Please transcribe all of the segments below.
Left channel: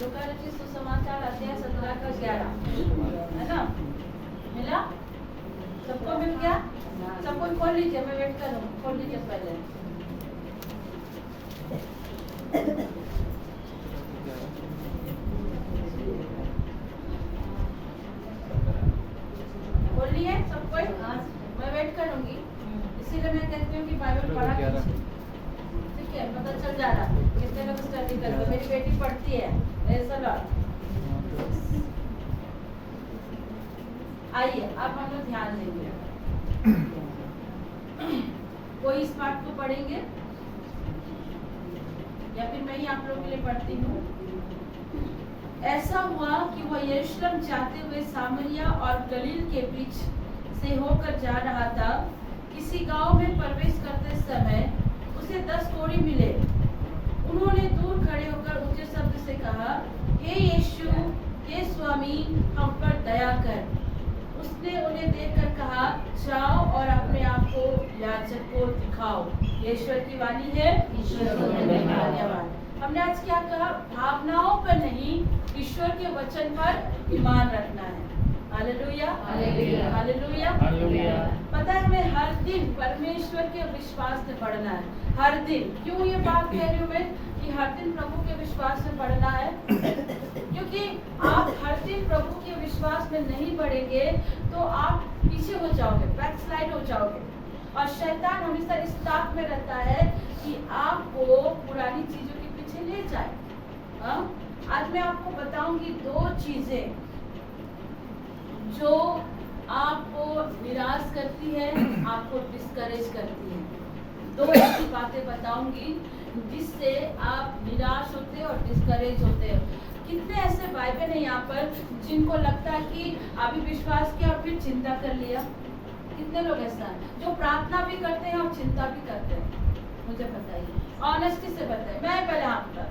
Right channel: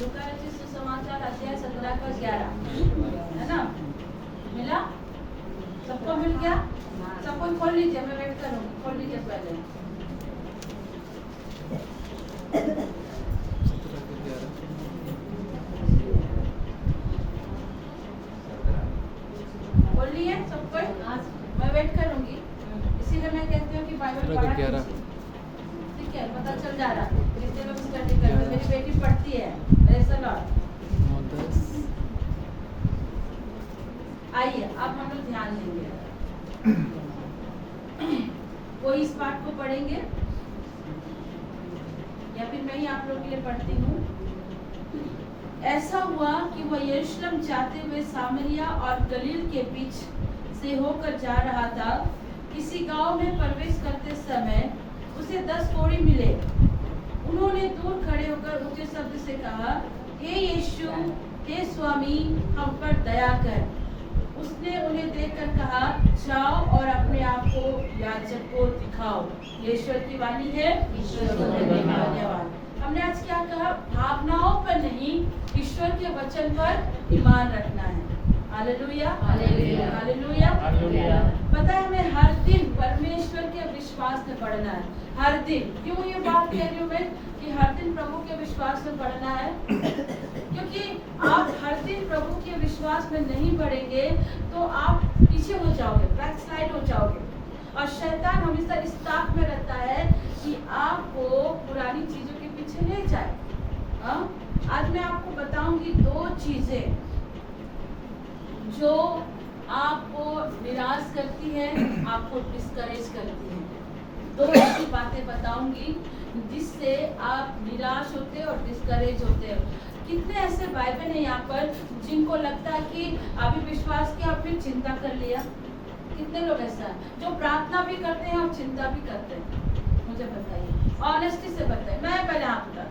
लूका रचित सुसमाचार अध्याय 17 का 11, है ना? मिला? सबको मिल गया? सबको खोल लीजिए, मैं वेट करूँगा, खोल लीजिए पहले। खोल लिए सबको? मैं वेट करूँगी, इसीलिए मैं कहती हूँ कि बाइबल पढ़ा कीजिए। ठीक है, पता चल जा रहा है कितने लोग स्टडी कर रहे। मेरी बेटी पढ़ती है, ऐसा लॉर्ड। आइए अब हम लोग ध्यान देंगे। कोई इस पाठ को पढ़ेंगे या फिर मैं ही आप लोगों के लिए पढ़ती हूँ। ऐसा हुआ कि वह यरूशलेम जाते हुए सामरिया और गलील के बीच से होकर जा रहा था। किसी गांव में प्रवेश करते समय उसे 10 कोढ़ी मिले। उन्होंने दूर खड़े होकर ऊंचे शब्द से कहा, हे यीशु, हे स्वामी, हम पर दया कर। उसने उन्हें देखकर कहा, जाओ और अपने आप को याजक को दिखाओ। ईश्वर की वाणी है, ईश्वर को धन्यवाद। हमने आज क्या कहा? भावनाओं पर नहीं, ईश्वर के वचन पर ईमान रखना है। Hallelujah, hallelujah, hallelujah, hallelujah. पता है हमें हर दिन परमेश्वर के विश्वास में पढ़ना है। हर दिन। क्यों ये बात कह रही हूँ मैं कि हर दिन प्रभु के विश्वास में पढ़ना है? क्योंकि आप हर दिन प्रभु के विश्वास में नहीं पढ़ेंगे तो आप पीछे हो जाओगे, बैकस्लाइड हो जाओगे। और शैतान हमेशा इस ताक में रहता है कि आपको पुरानी चीजों के पीछे ले जाए। आज मैं आपको बताऊंगी 2 चीजें जो आपको निराश करती है, आपको डिस्करेज करती है। 2 ऐसी बातें बताऊंगी जिससे आप निराश होते हो और डिस्करेज होते हो। कितने ऐसे बाइबल हैं यहाँ पर जिनको लगता है कि अभी विश्वास किया और फिर चिंता कर लिया? कितने लोग ऐसा है जो प्रार्थना भी करते हैं और चिंता भी करते हैं? मुझे बताइए, ऑनेस्टी से बताइए। मैं पहले आपका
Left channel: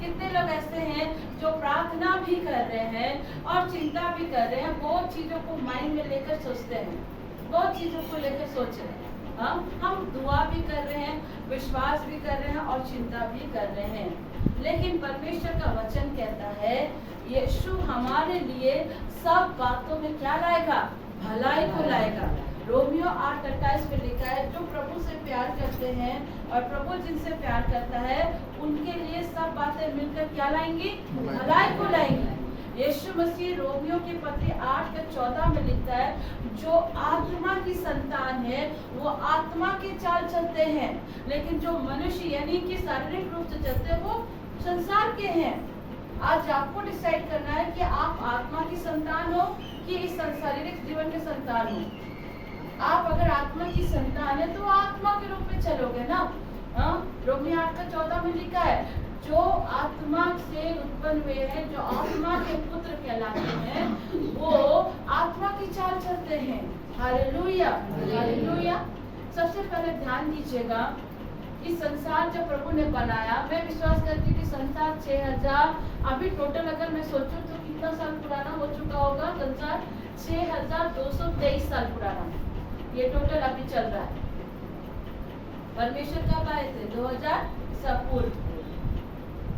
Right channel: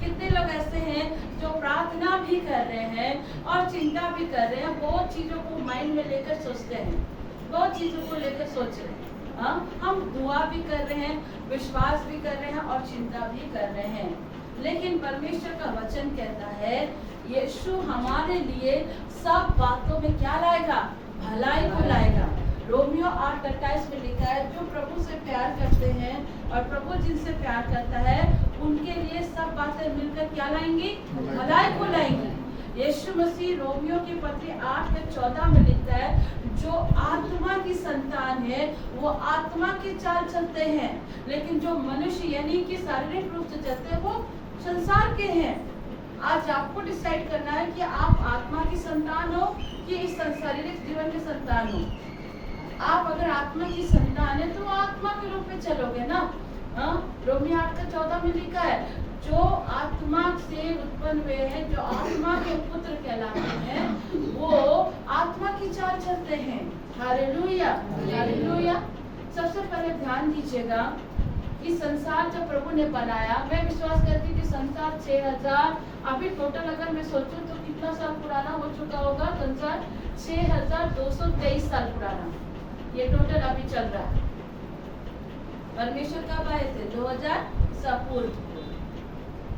कितने लोग ऐसे हैं जो प्रार्थना भी कर रहे हैं और चिंता भी कर रहे हैं? बहुत चीजों को माइंड में लेकर सोचते हैं, बहुत चीजों को लेकर सोच रहे हैं। हम दुआ भी कर रहे हैं, विश्वास भी कर रहे हैं और चिंता भी कर रहे हैं। लेकिन परमेश्वर का वचन कहता है यीशु हमारे लिए सब बातों में क्या लाएगा? भलाई को लाएगा। रोमियो 8:28 में लिखा है, जो प्रभु से प्यार करते हैं और प्रभु जिनसे प्यार करता है उनके लिए सब बातें मिलकर क्या लाएंगी? भलाई को लाएंगी। यीशु मसीह रोमियो के पत्र 8:14 में लिखता है, जो आत्मा की संतान है वो आत्मा की चाल चलते हैं, लेकिन जो मनुष्य यानी कि शारीरिक रूप से चलते हैं वो संसार के हैं। आज आपको डिसाइड करना है कि आप आत्मा की संतान हो कि इस शारीरिक जीवन के संतान हो। आप अगर आत्मा की संतान है तो आत्मा के रूप में चलोगे ना। रोमियो 8:14 में लिखा है, जो आत्मा से उत्पन्न हुए हैं, जो आत्मा के पुत्र कहलाते हैं, वो आत्मा की चाल चलते हैं। Hallelujah, hallelujah. सबसे पहले ध्यान दीजिएगा कि संसार जब प्रभु ने बनाया, मैं विश्वास करती थी संसार 6000, अभी टोटल अगर मैं सोचूं तो कितना साल पुराना हो चुका होगा? संसार 6223 साल पुराना। ये टोटल अभी चल रहा है। परमेश्वर कब आए थे? 2000 ईसा पूर्व।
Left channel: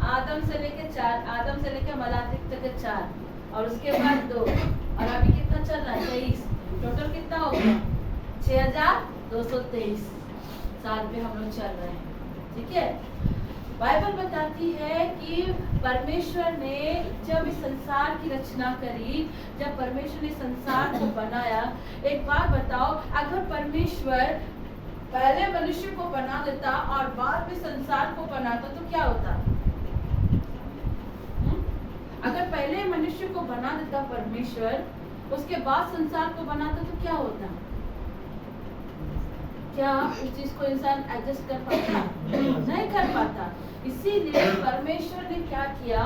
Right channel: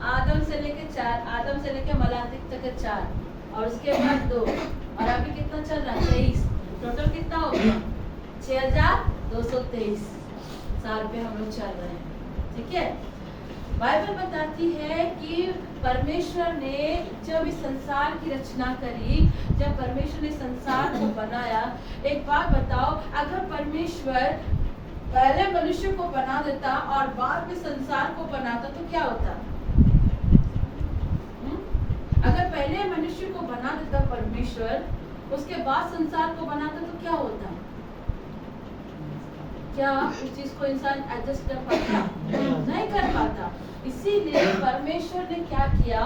आदम से लेके मलातिक तक 4 और उसके बाद 2 और अभी कितना चल रहा है? 23। टोटल कितना हो गया? 6223 साल पे हम लोग चल रहे हैं। ठीक है, बाइबल बताती है कि परमेश्वर ने जब इस संसार की रचना करी, जब परमेश्वर ने संसार को बनाया, एक बात बताओ, अगर परमेश्वर पहले मनुष्य को बना देता और बाद में संसार को बनाता तो क्या होता? अगर पहले मनुष्य को बना देता परमेश्वर, उसके बाद संसार को बनाता तो क्या होता? क्या उस चीज को इंसान एडजस्ट कर पाता? नहीं कर पाता। इसीलिए परमेश्वर ने क्या किया,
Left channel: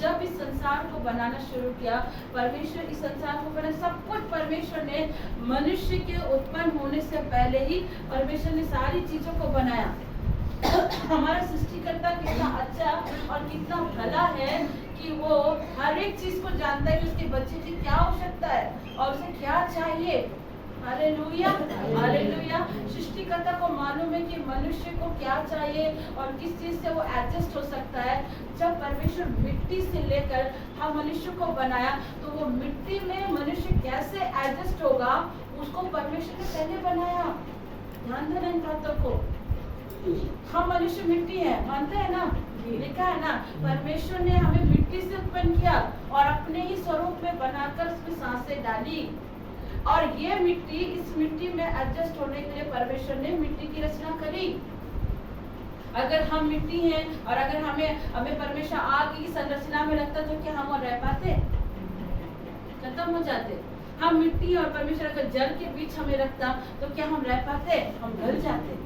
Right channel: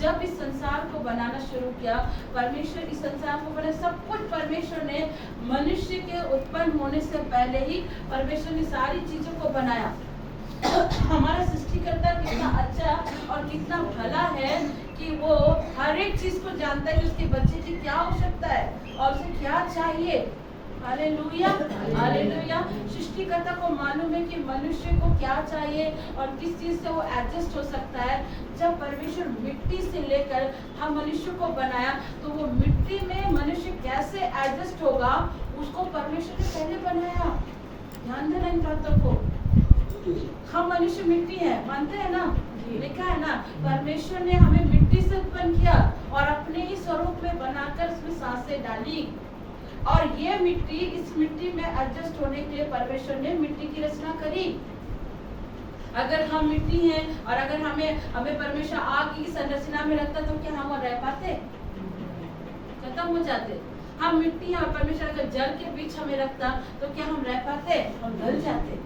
जब इस संसार को बनाना शुरू किया, परमेश्वर इस संसार को बना, सब कुछ परमेश्वर ने मनुष्य के उत्पन्न होने से पहले ही परमेश्वर ने सारी चीजों को बनाया। हमारा सृष्टिकर्ता कितना अच्छा और कितना भला है कि वो हर एक चीज को जानता है कि उसके बच्चे की क्या आवश्यकता है और उसे क्या चाहिए। Hallelujah, hallelujah. सृष्टिकर्ता को मालूम है कि मनुष्य को क्या चाहिए और किस चीज से वो एडजस्ट हो सकता है। जब परमेश्वर मिट्टी से लेकर हम मनुष्य को बनाया तो वो मिट्टी में मनुष्य कैसे एडजस्ट होगा उसको परमेश्वर ने पहले बनाया। ध्यान देना इन बातों को। हम मनुष्य मिट्टी है, मानते हैं ना? लिखा है ना, परमेश्वर ने हमें मिट्टी से उत्पन्न किया और अपने ही स्वरूप में बनाकर उसमें सांसें डाली। और ये मिट्टी, इस मिट्टी में एडजस्ट होने के लिए परमेश्वर ने मिट्टी की रचना करी। अगर हम मिट्टी हैं और अगर हमें परमेश्वर आग की संरचना में रखता तो क्या हम और रह पाते? खत्म हो जाते। हम मिट्टी और परमेश्वर अगर जल के बीच हमें रखता तो क्या हम रह पाते? हम गल जाते।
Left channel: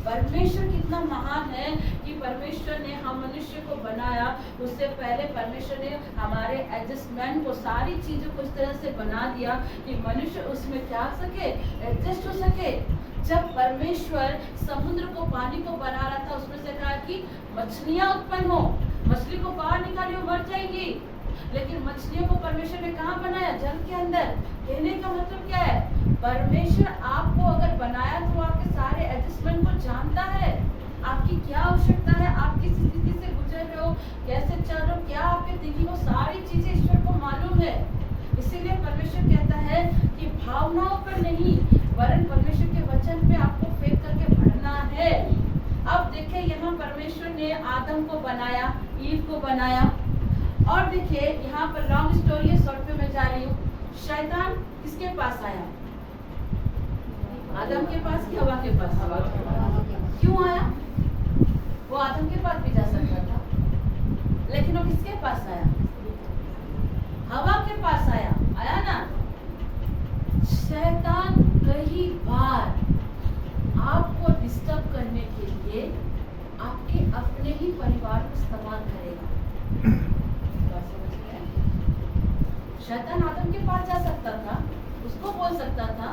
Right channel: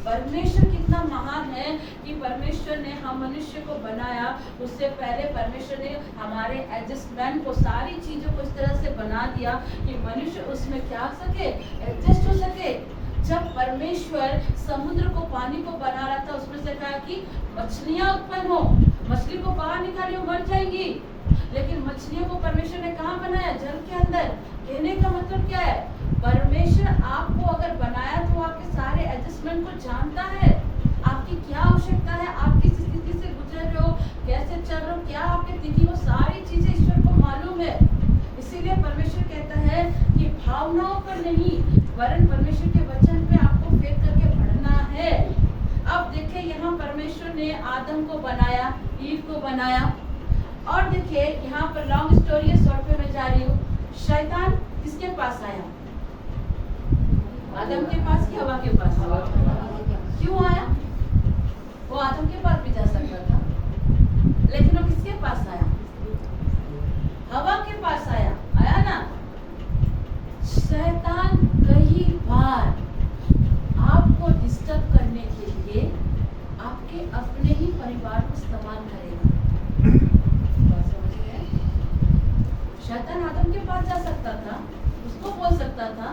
परमेश्वर कितना महान है कि परमेश्वर ने हम मनुष्य को बनाया, उससे पहले परमेश्वर ने हमारे एडजस्टमेंट को, सारी चीजों को इस तरह से बना दिया कि मनुष्य उसमें क्या सके, एडजस्ट हो सके। जब परमेश्वर समुद्र को, पानी को बना रहा था, उसमें से कहा कि मछलियां उत्पन्न हो, मछली को बाहर निकालियो मर जाएगी, लेकिन मछलियों को परमेश्वर ने कहाँ बनाया? जल के अंदर। कहने का मतलब क्या है? परमेश्वर आपको अगर बनाया तो आपके सारे एडजस्टमेंट को जानता है, आपकी क्या आवश्यकता है, आप किस स्थिति से गुजर रहे हो, कैसे चल रहे हो, क्या आपके दिखी, वो सारी चीजें ईश्वर को मालूम है। इसीलिए परमेश्वर कहता है कि भावनाओं पर नहीं वरन परमेश्वर के वचन पे आपको फेंक करके बढ़ना है। अब देखिए यहाँ परमेश्वर ने आदम को बनाया, ईव को बनाया, और देखिए यहाँ पर लॉन्ग स्टोरी है, शॉर्ट पे मैं जा रही हूँ। शैतान किसके पास आया? आदम के पास कि हवा के पास? क्यों आया? वो आदम के पास भी जा सकता था, लेकिन वो किसके पास आया? हवा के पास आया। आया ना? शैतान कई बार आपको डिस्टर्ब करने के लिए आपके अपने ही परिवार को इस्तेमाल करेगा। शैतान आदम के पास जा सकता था, उसको बोल सकता था,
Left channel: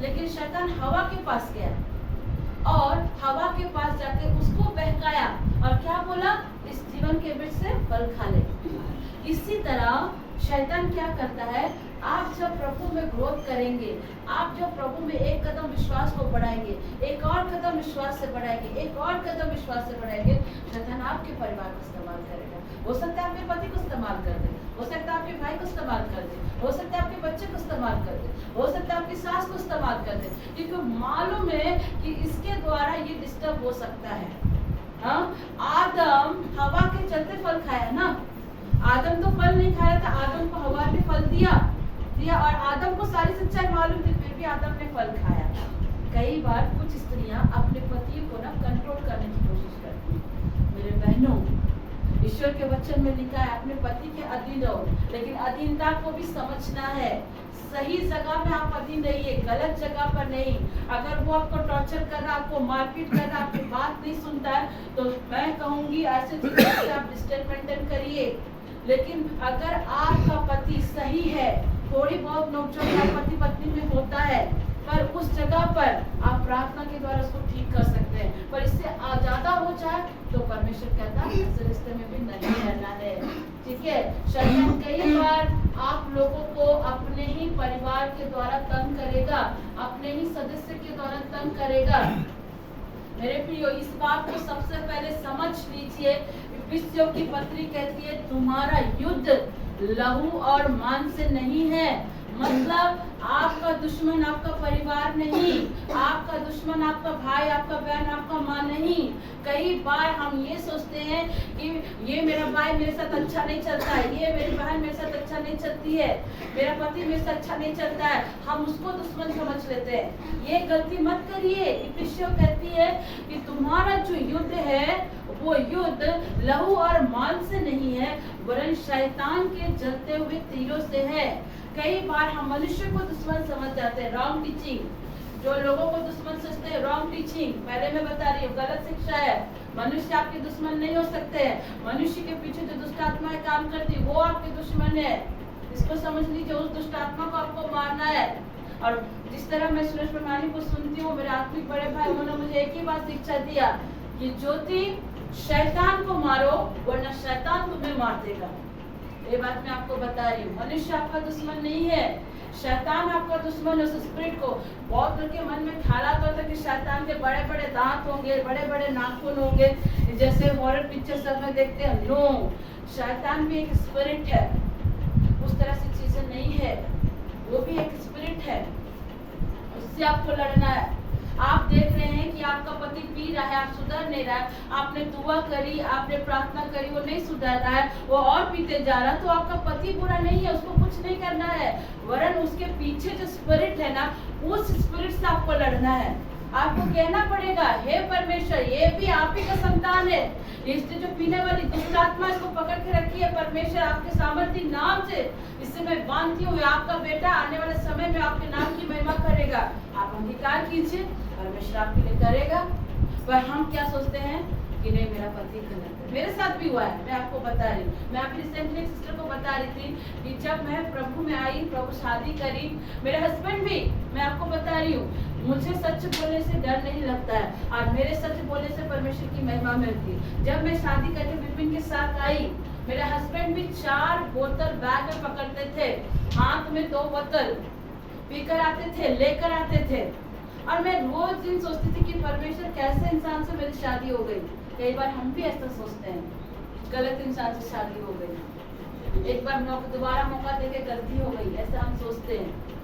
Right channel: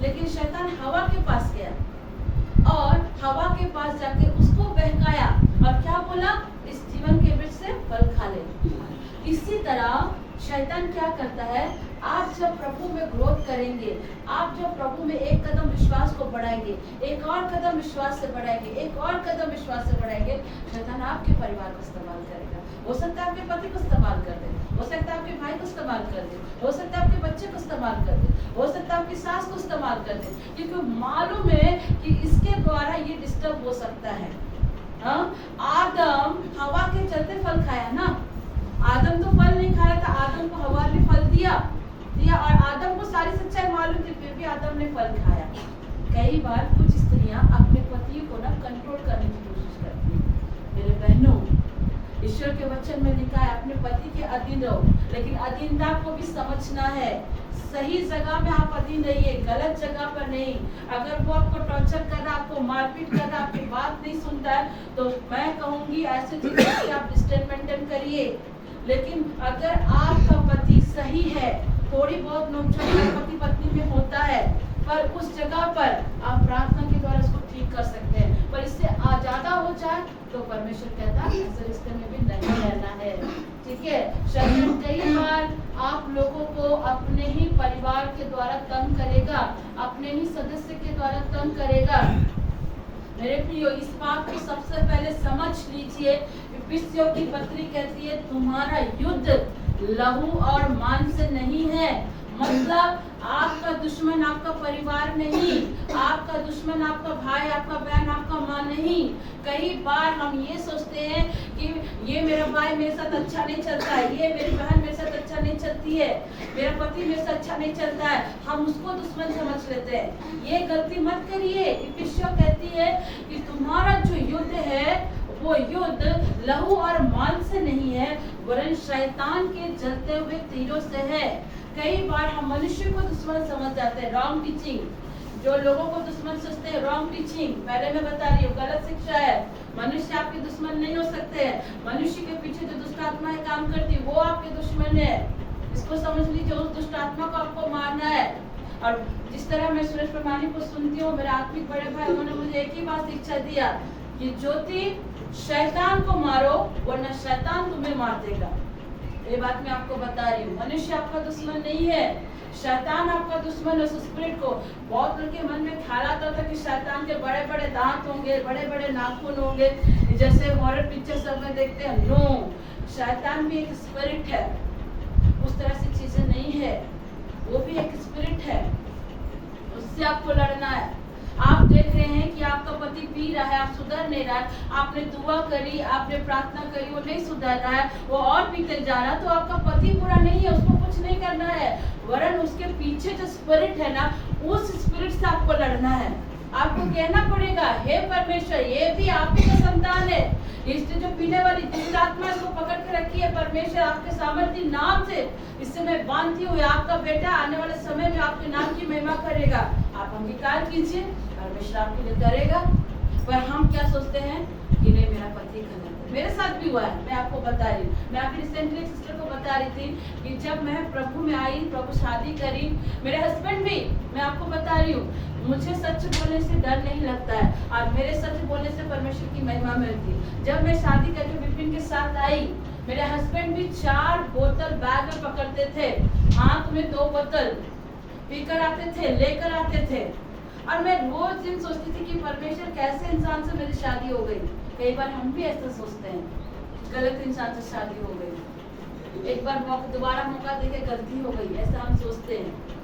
लेकिन शैतान हवा के पास गया और हवा के पास जाके उसको बहकाया और क्या बोला? इस जीवन के वृक्ष से फल खा ले। इसी तरह शैतान क्या करता है? आप जब प्रभु में ग्रोथ करेंगे, आप जब प्रभु में एक कदम विश्वास को बढ़ाएंगे, एक और कदम विश्वास से बढ़ाएंगे, एक और कदम विश्वास से बढ़ाएंगे, शैतान आपके परिवार को इस्तेमाल करेगा। हो सकता है आपके पति को इस्तेमाल कर दे, हो सकता है आपके भाई को इस्तेमाल कर दे, हो सकता है आपके बच्चे को इस्तेमाल कर दे, हो सकता है आपकी सास को इस्तेमाल कर दे, क्योंकि मालूम है कि इसके द्वारा ये डिस्टर्ब हो सकता है। हाँ, आदम हवा के चलते फल खाया ना। आदम तो फल नहीं खाया था, आदम को हवा ने फल दिया और आदम को सारी सच्चाई मालूम थी, फिर भी आदम ने फल खाया। कई बार कुछ स्त्रियां अपने पतियों को ना कंट्रोल करने की कोशिश करती हैं। मेरे बहनों, ईश्वर के वचन में लिखा है अपने पति के अधीन रहो, लेकिन अधीनता को भी समझना है। सही जगह में आप अधीन रहिए, गलत जगह पर नहीं। अगर वो आपको टॉर्चर कर रहा है, आपको मारपीट कर रहा है, आपकी बात नहीं सुनता है, तो मैं कहूंगी ऐसे चीजों से आप डिस्टेंस मेंटेन करिए। लेकिन अगर आपका पति सही है, थोड़ी बहुत नोकझोंक पति पत्नी में होता है, पर उस जगह पर आप प्रार्थना के द्वारा उसको ठीक कर सकते हैं। पर इससे ज्यादा हो जाए तो परमेश्वर कहता है ऐसे रिश्ते में भी नहीं रहना है। ठीक है? शैतान कई बार आप लोगों को अपने ही परिवार के द्वारा तंग करेगा, अपने ही सदस्य के द्वारा तंग करेगा। मेरे प्रियो, इस बात को सबसे पहले समझ लीजिए। इफिसियों की पत्री कहती है तुम्हारा युद्ध लहू और मांस से नहीं है। मतलब आपका दुश्मन आपका परिवार नहीं, आपका दुश्मन आपका भाई, आपका बहन, आपका माँ नहीं। कई बार हम ये सोचते हैं कि ये मेरा भाई मेरे साथ अच्छा नहीं चलता है, ये मेरी बहन मेरे साथ अच्छा नहीं चलती है, मेरा पति मेरे साथ अच्छा नहीं चलता है, हम उसको दुश्मन समझ लेते हैं। ये गलती मत करिए। इफिसियों कहती है कि तुम्हारा जो युद्ध है वो युद्ध लहू और मांस से नहीं है, वरन शैतान के जलते हुए तीरों से है। कई बार हम मनुष्य को दुश्मन समझ जाते हैं, रॉन्ग टीचिंग। जो लोगों को दुश्मन सोचते हैं, रॉन्ग टीचिंग। पहले मैं बता रही हूँ, गलत शिक्षा है। मनुष्य आपके दुश्मन नहीं हो सकते हैं। मनुष्य के पीछे जो दुष्ट आत्माएं काम करती है वो आपके दुश्मन है। इसको समझ लीजिए, उस दुष्ट आत्मा को आपको मारना है। और जिस तरह मैं सुरेश प्रमाणी को सुनती हूँ, मेरे आत्मिक बड़े भाई, उन्होंने मुझे एक ही बात शिक्षा दिया कि ज्योति शैतान को मारो वरना शैतान तुम्हें मार देगा। ये बात मैं आपको बता रही हूँ। मनुष्य आपका दुश्मन नहीं है। शैतान आपका दुश्मन है। उस स्पिरिट को बहुत लोग के मन में ख्याल आता था कि शैतान के बड़े बड़े दांत होंगे, बड़े बड़े नाखून होंगे, जैसे हॉरर पिक्चर सब में देखते हैं। नो, शैतान भी एक स्पिरिट है, उस तरह से चीजें नहीं है, वो भी एक स्पिरिट है, उससे आपको लड़ना है। आप देख रहे हैं कि आपका पति पी रहा है, आप सुधर नहीं रहा है, आपने दुआ करी, आपने प्रार्थना करी, वो नहीं सुधर रहा है, वो और पीते जा रहा है, तो आपका पति बुरा नहीं है, उसको कुछ नहीं करना है, वरन उसके पीछे जो स्पिरिट है ना, उस स्पिरिट से आपको लड़ना है। आपको कहना पड़ेगा, हे परमेश्वर, ये भी आप ही का संतान है, इससे जो पीने वाली दुष्ट आत्मा इसको पकड़ के रखी है, परमेश्वर आपके सामर्थ्य नाम से इससे मैं बांधती हूँ, आपका बेटा आने वाले समय में आपके नाम की महिमा करेगा। आप अंगीकार कीजिए, परमेश्वर आपके लिए करेगा। पर हम क्या सोचते हैं कि नहीं, मेरा पति गलत है। मेरे साथ भी हुआ है, मैं आपको बता रही हूँ। मैं अभी रिसेंटली एक सिस्टर को बता रही थी कि जब मैं प्रभु में आई, प्रभु शादी करी, मेरे हस्बैंड भी, मैं आपको बता रही हूँ, मुझे सच बोलने से डर नहीं लगता है और मेरे सच बोलने से परमेश्वर की महिमा मिलती है। जब मैं शादी करके विपिन के साथ आई, मेरे हस्बैंड भी 4 बोतल बैग में पकड़ते थे, हाथ में 2 बोतल पीकर आते थे, लेकर आते थे, और मैं रोज दिन सोचती थी कि परमेश्वर कैसे इंसान से मेरी शादी हो गई। कई बार हम भी ऐसा सोचते हैं, गलत इंसान से शादी हो गई, एक बार दोबारा मौका देके गलती हो गई, ऐसा हम सोचते हैं।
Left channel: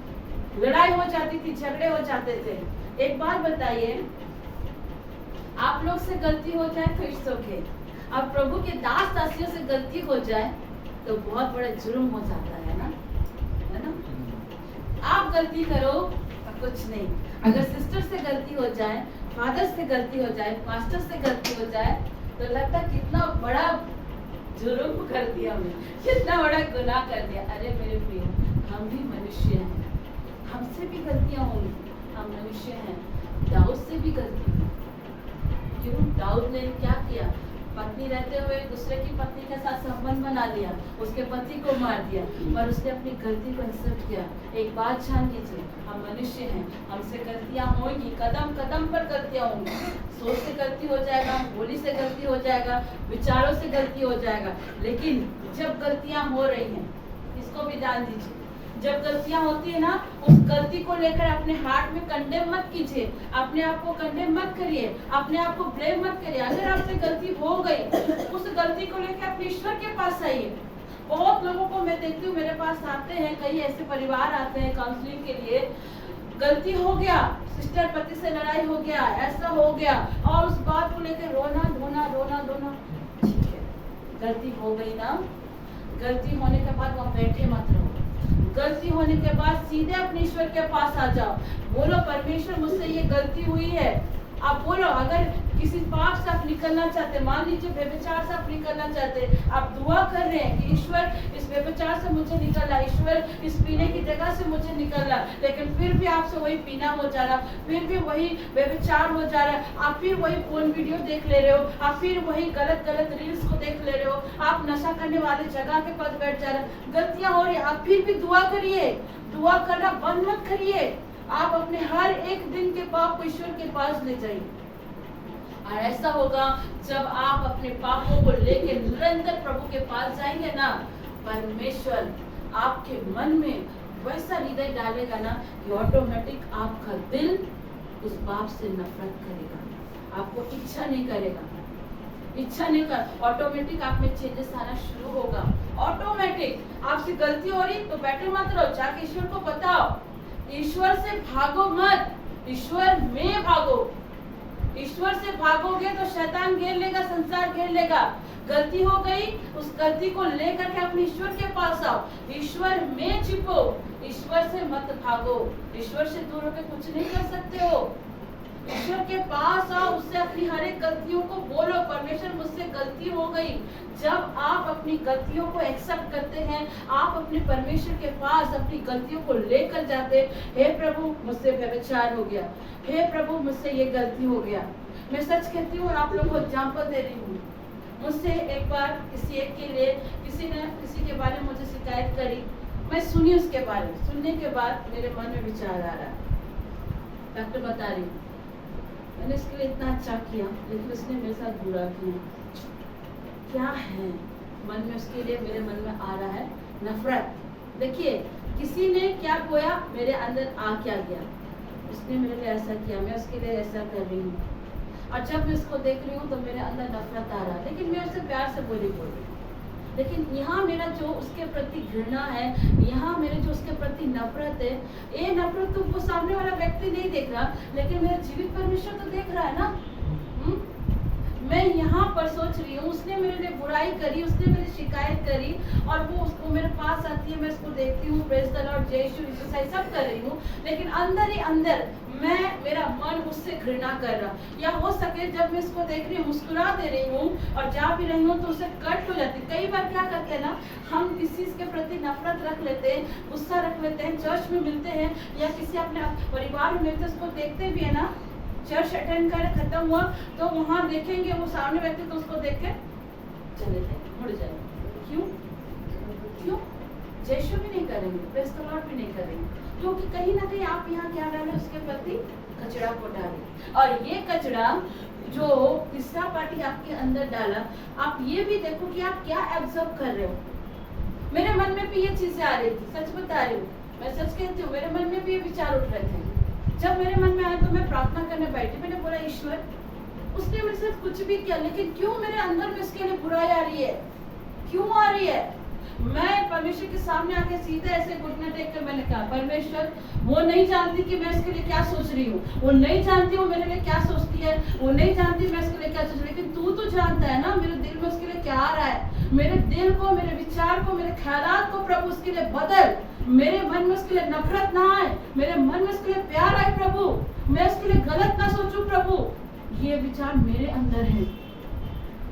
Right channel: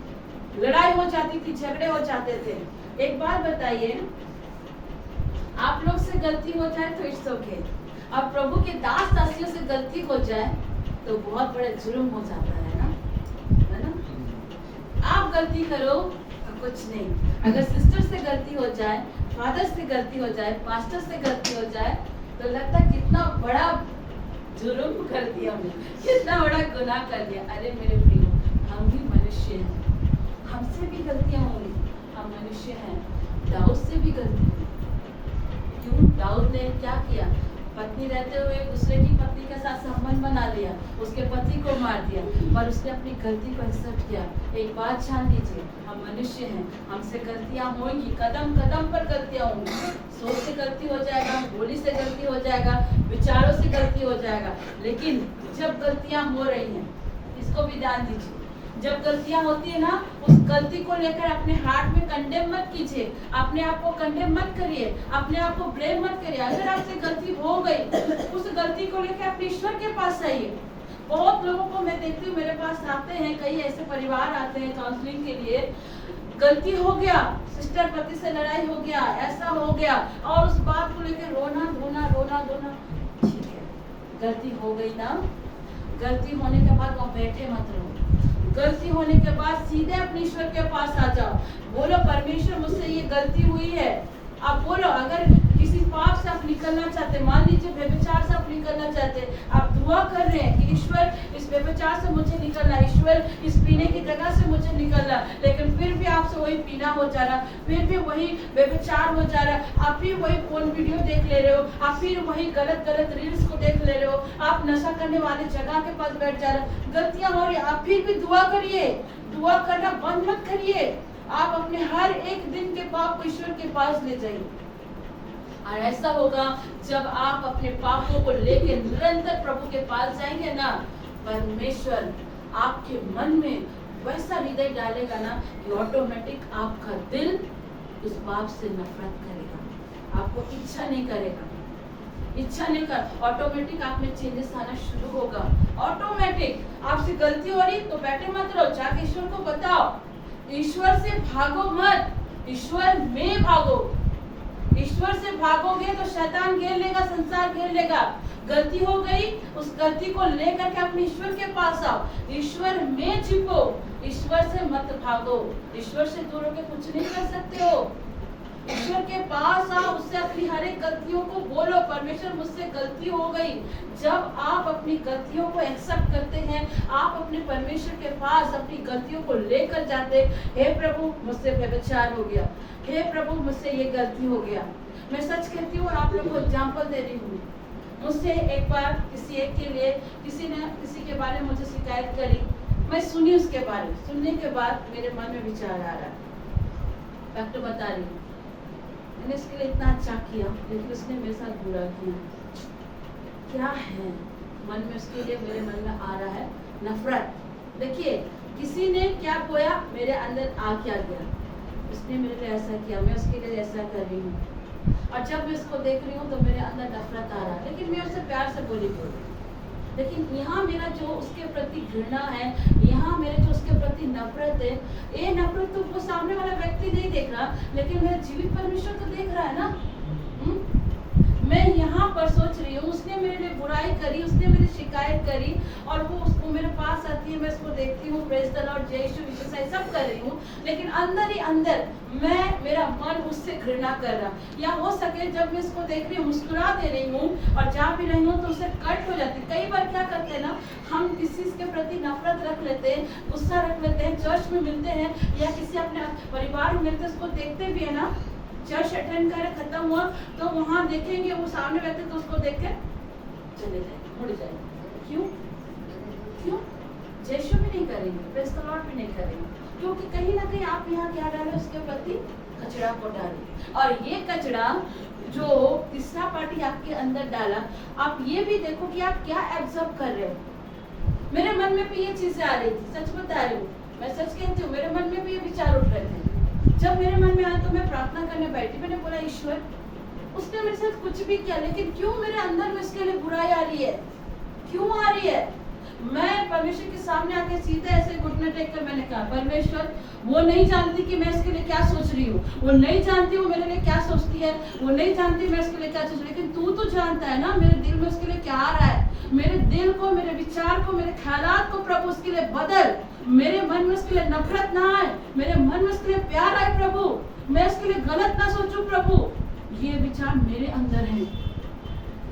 लड़ाई हो जाती थी, झगड़े हो जाते थे। एक बार बताइए, आप लोग से गलती हो जाए तो इट्स ओके, अब प्रभु के दास दासियों से गलती हो जाए तो बहुत बड़ा जुर्म हो जाता है ना, है ना। आप गलती करो कुछ नहीं, अगर सिस्टर से गलती हो जाए, फादर से गलती हो जाए, पास्टर से गलती हो जाए, तो लगता है कितना बड़ा जुर्म कर दिया हमने, कितना बड़ा गुनाह कर दिया। अरे मेरे प्रिय, हम भी मनुष्य हैं, हमसे भी गलतियां होंगी, हम मनुष्य हैं। दाऊद से भी गलती हुई। क्यों? दाऊद ने क्या किया? पत्नी रहते हुए दूसरे की पत्नी के साथ संबंध बना लिया, उसके पति को मार दिया, पर उसने अपनी गलती को एक्सेप्ट किया। एक बात जान लीजिए, हम मनुष्य हैं, हमसे गलतियां होंगी, कदम कदम पर गलतियां होंगी। सोच से गलती हो जाएगा, बोली से गलती हो जाएगा, विचारों से गलती हो जाएगा, लेकिन जब गलतियां हो रही हैं, इसको भी ध्यान दीजिए, जब गलतियां होती है ना, उस गलती को लेकर अपने हार्ट में कंडेम मत कीजिए, अपने आप को कंडेम मत करिए, अपने आप को ब्लेम मत करिए। अगर आपसे गलती हो गई, उस गलती को लेकर अपने ईश्वर के पास आइए। बहुत लोगों को मैं देखती हूँ, मेरे पास आते हैं, कई ऐसे परिवार आते हैं काउंसलिंग के लिए, गलती हो गया, सिस्टर पति से लड़ाई हो गया, ऐसा हो गया, और उस बात को लेकर रोना धोना, रोना धोना। ठीक है, गलती हो गई ना, गलती होने के बाद वहाँ बैठे मत रहो, गलती होने के बाद सीधे अपने ईश्वर के पास आ जाओ, बोलो परमेश्वर मुझसे ये गलती हुई है। आप बोलो, अगर किसी पाप से आप निकलना चाहते, मान लीजिए व्यभिचार से आप निकलना चाहते, आप दुआ कर रहे हैं कि ईश्वर इस व्यभिचार से मुझे निकलना, ईश्वर इस पीने की जगह से मुझे निकलना, लेकिन फिर भी आपसे वही पीना हो जा रहा, फिर भी वही व्यभिचार हो जा रहा है, आप फिर वही फोन वीडियो देख ले रहे हो, आप फिर वही गलत गलत रील्स को देख ले रहे हो, आप नशा करने वाले जगह के पास बैठ जा रहे, गलतियां हो रही, आप फिर भी दुआ करिए, दुआ करना बंद मत करिए। आप अपने हर एक दिन के पाप को ईश्वर के पास ले जाइए, और ऐसा होगा जब आप अपने पापों को लेकर निरंतर प्रभु के पास जाएंगे ना, परमेश्वर आपके मन में वैसा हृदय डालेगा ना कि ऑटोमेटिक आपका दिल उस पाप से नफरत करेगा, आपको इच्छा नहीं करेगा, इच्छा नहीं कर, ऑटोमेटिक आप में चेंजेस आना शुरू होगा। ऑटोमेटिक आपसे गलती हो रही तो बैठे मत रहो, जाके ईश्वर को बताओ, ईश्वर से भागो मत, ईश्वर में भागो। ईश्वर से भागोगे तो शैतान घेर लेगा, संसार घेर लेगा। गलती हो गई, उस गलती को लेकर के अपने ईश्वर के पास आओ, ईश्वर में छिपो, ईश्वर से मत भागो। ईश्वर से दूर होकर कुछ नहीं कर सकते हो, ईश्वर के पास आओ, उससे अपनी हर एक गलतियों को बोलो, परमेश्वर मुझसे गलती हो गई। जब आप अपनी गलतियों को एक्सेप्ट करते हैं, आप अपने परमेश्वर के पास अपनी गलतियों को लेकर जाते, हे प्रभु मुझसे व्यभिचार हो गया, हे प्रभु मुझसे ये गलती हो गया। मैं सच कहती हूँ और आप लोगों को एग्जाम्पल दे रही हूँ, मुझसे एक बार किसी एक के लिए किसी ने किसी के बारे में मुझे शिकायत करी, मैं सुनी उसके बारे में, सुनने के बाद मेरे मन में विचार आ रहा, डॉक्टर बता रही हूँ मैंने इसके लिए इतना अच्छा किया, लेकिन इसने मेरे साथ बुरा किया। क्या है मन में उसके लिए, मेरे मन में आ रहा है नफरत। देखिए किसी ने क्या बोया, मेरे अंदर आ क्या गया, उसने मेरे लिए ऐसा किया, मैं उसके लिए ऐसा कर रही हूँ। और जब मैं इसको देख रही हूँ तो मेरे अंदर नफरत आ रहा है, लेकिन मैं उससे प्यार से बोल रही। लेकिन यहाँ मेरा जो उसके प्रति घृणा है, यहाँ मेरे जो उसके प्रति नफरत है, ये नफरत तो वो सामने वाला व्यक्ति नहीं देख रहा, लेकिन मेरा जीवित परमेश्वर तो देख रहा है ना। मैं यहाँ पर सोच रही हूँ, उसने मेरे लिए बुराई करी, उसने मेरी शिकायत करी, और वो उसको मेरे पास आती है, मैं उसको देखती हूँ, प्रेज द लॉर्ड, जय यीशु विश्वास सब कर रही हूँ, लेकिन अंदर ही अंदर मेरा मन उससे घृणा कर रहा। या हो सके जब मैं इसको देख रही हूँ, मुस्कुरा दे रही हूँ और जा भी रही हूँ तो उसे कट हो जाती। कई बार क्या करते हैं ना, हम किसी के प्रति नफरत रख लेते हैं, गुस्सा रख लेते हैं, चर्च में मिलते हैं या किसी अपने परिवार में मिलते हैं, उसको देखते भी है ना, चर्च अटेंड कर खत्म हुआ तो वहां देखेंगे वो सामने व्यक्ति, तो उसको देख के चले जाएंगे, मुड़ जाएंगे। क्यों जयशु भी नहीं करेंगे, प्रेज द लॉर्ड भी नहीं करेंगे, क्योंकि कहीं ना कहीं आप यहाँ क्या डाले, उसके प्रति कचरा को डाले। और ये कचरा जो तीसरा पार्टी आपके अंदर डाला, आप ये भी देखो कि आप क्या एब्जॉर्ब कर रहे हो। मेरे मन में भी ये चीजें आ रही थी, सच बता रही हूँ, मैं सच कहती हूँ, मेरे मन में भी ये विचार उठ रहे थे। जब मेरे मन में आया तो मैं प्रार्थना करने बैठी, मैंने बोला ईश्वर, उसने मेरे साथ कुछ भी किया, लेकिन क्यों मेरे अंदर में उसके लिए बुराई आ रही है, क्यों आ रही है। मैं परमेश्वर के सामने आके सीधे ऐसे घुटने टेक कर मैंने कहा, परमेश्वर वो नहीं जानती कि मैं इसके लिए क्या सोच रही हूँ, वो नहीं जानती वो मेरे लिए क्या सोचती है, वो नहीं जानती मैं इसके लिए क्या सोच रही, लेकिन तू तो जानता है ना मेरे दिल में उसके लिए क्या आ रहा है। मेरे दिल को, मेरे विचार को, मेरे ख्यालात को प्रभु उसके लिए बदल, मेरे मन में उसके लिए नफरत ना आए, मेरे मन में उसके लिए प्यार आए प्रभु, मैं उसके लिए गलत ना सोचूं प्रभु। ये विचार मेरे अंदर है,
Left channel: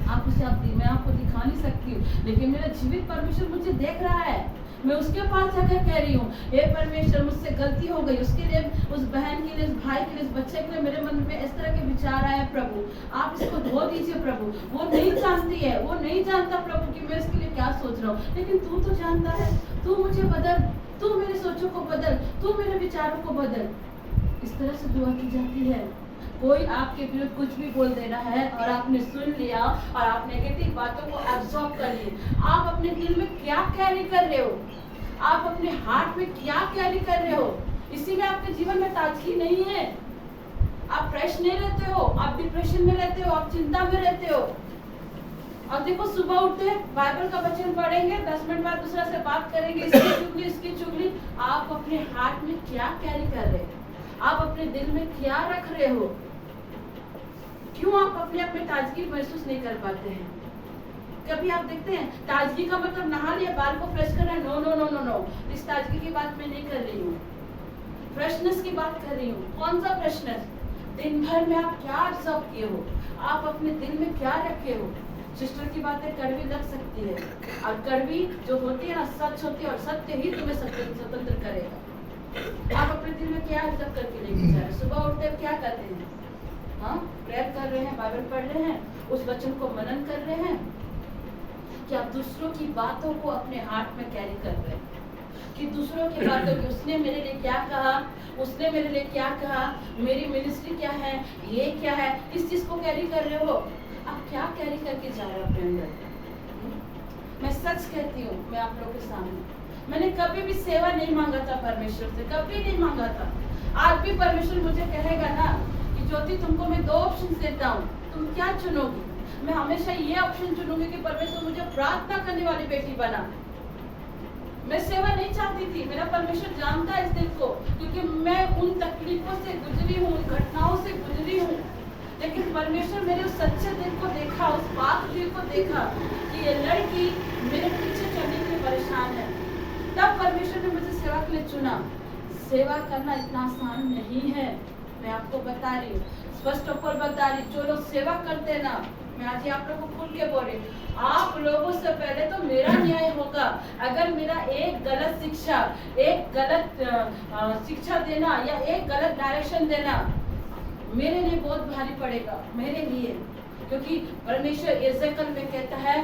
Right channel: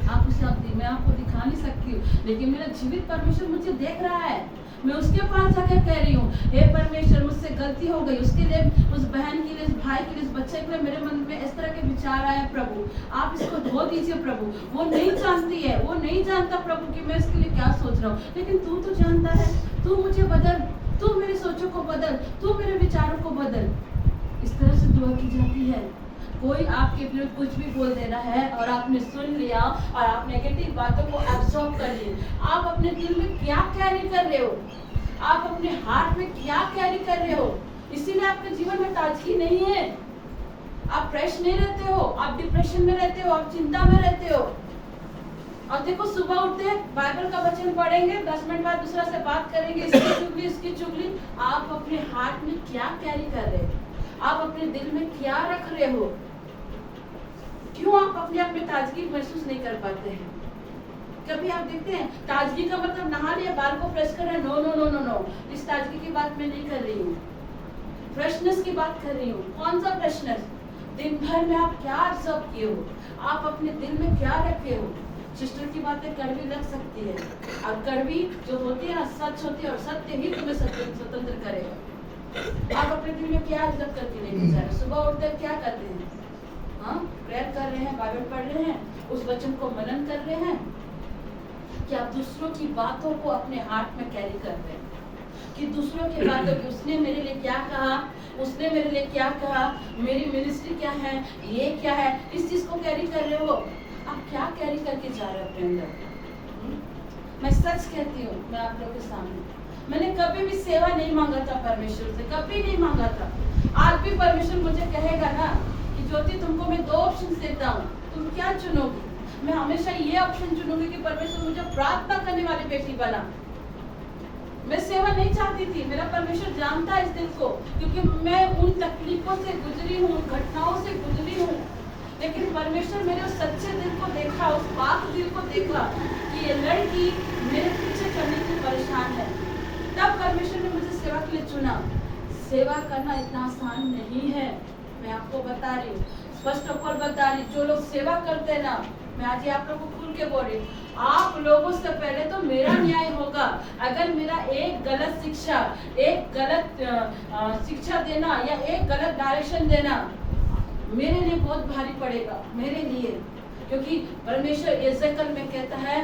आप उसे मैं आपको दिखा नहीं सकती, लेकिन मेरा जीवित परमेश्वर मुझे देख रहा है। मैं उसके पास जाकर कह रही हूँ, हे परमेश्वर मुझसे गलती हो गई, उसके लिए, उस बहन के लिए, उस भाई के लिए, उस बच्चे के लिए मेरे मन में इस तरह के विचार आए प्रभु, आप इसको धो दीजिए प्रभु। वो नहीं जानती है, वो नहीं जानता प्रभु कि मैं इसके लिए क्या सोच रहा हूँ, लेकिन तू तो जानता है, तू मुझे बदल, तू मेरी सोचों को बदल, तू मेरे विचारों को बदल। इस तरह से दुआ की जाती है। कोई आपके विरुद्ध कुछ भी बोल दे रहा है और आपने सुन लिया और आप नेगेटिव बातों को एब्जॉर्ब कर लिए, आप अपने दिल में क्या कैरी कर रहे हो, आप अपने हार्ट में क्या कैरी कर रहे हो, इसीलिए आपके जीवन में ताजगी नहीं है, आप फ्रेश नहीं रहते हो, आप डिप्रेशन में रहते हो, आप चिंता में रहते हो। और देखो सुबह उठते हैं, बाइबल का वचन पढ़ेंगे, 10 मिनट बाद दूसरा से बात करेंगे, इसकी चुगली। आप अपने हार्ट में क्या कैरी कर रहे हो, आप अपने दिल में क्या रख रहे हो, क्यों आप अपने आप में ताजगी महसूस नहीं कर पाते हैं। कभी आप देखते हैं ताजगी का मतलब नहा लिया, बाल को फ्रेश कर रहा है, no no no no no, इस ताजगी की बात मैं नहीं कर रही हूँ, फ्रेशनेस की बात कर रही हूँ। कौन सा फ्रेशनेस, दिन भर में आप क्या ऑब्जर्व किए हो, आप अपने दिल में क्या रखे हो। सिस्टर की बातें कड़वी लग सकती है, और कड़वी जो होती है ना सच होती है, और सत्य ही तुम्हें स्वतंत्र करेगा। आप अपने दिल में क्या ऑब्जर्व करके लेके जा रहे हैं, सुबह उठते क्या करते हैं, हाँ प्रेयर कर रहे हैं, बाइबल पढ़ रहे हैं, उस वचन को मनन कर रहे हैं, कि आप दूसरों की बातों को अपने हाथ में कैरी कर रहे हैं, कि दूसरों की बातों को, उसने मेरे लिए क्या कहा, उसने मेरे लिए क्या कहा, मेरी मिनिस्ट्री क्या है, ये क्या है, इस चीज को कैरी कर रहे हो। आप क्या कैरी करके जा रहे हो अपने अंदर। मैं सच कहती हूँ, मैं आप लोगों के सामने, मैंने कभी भी सेवा नहीं मांगा था परमेश्वर से, कभी नहीं मांगा था। आज भी परमेश्वर मुझे कहेगा ना कि ज्योति तुमको मैं 2 ऑप्शन देता हूँ, तुम क्या चुनोगी। मैं हमेशा ये ऑप्शन चुनूंगी कि परमेश्वर मुझे प्रार्थना करने वाली बेटी बना। मैं सेवा नहीं चाहती थी, मेरा परमेश्वर जानता है इस दिल को, क्योंकि मैं उन तकलीफों से गुजरी हूँ, घटनाओं से गुजरी हूँ, लेकिन परमेश्वर मेरे उस सच्चे दिल को देखा, उस पाक दिल को देखा कि ये लड़की मेरे पीछे चलने के लिए परेशान है। तब परमेश्वर ने मुझे सेवा के लिए चुना। सेवा करना इतना आसान नहीं है, मैं आपको बता रही हूँ, स्पष्ट होकर बता रही। जो लोग सेवा करते हैं ना, मैं आज आप लोगों को खुल के बोल रही, आप लोगों से पहले तो मेरा न्याय होगा। अगर मेरा एक गलत शिक्षा, एक गलत शिक्षा देना या एक गलत डायरेक्शन देना मेरे लिए बहुत भारी पड़ेगा, मेरे लिए, क्योंकि परमेश्वर एजेकल में कहता है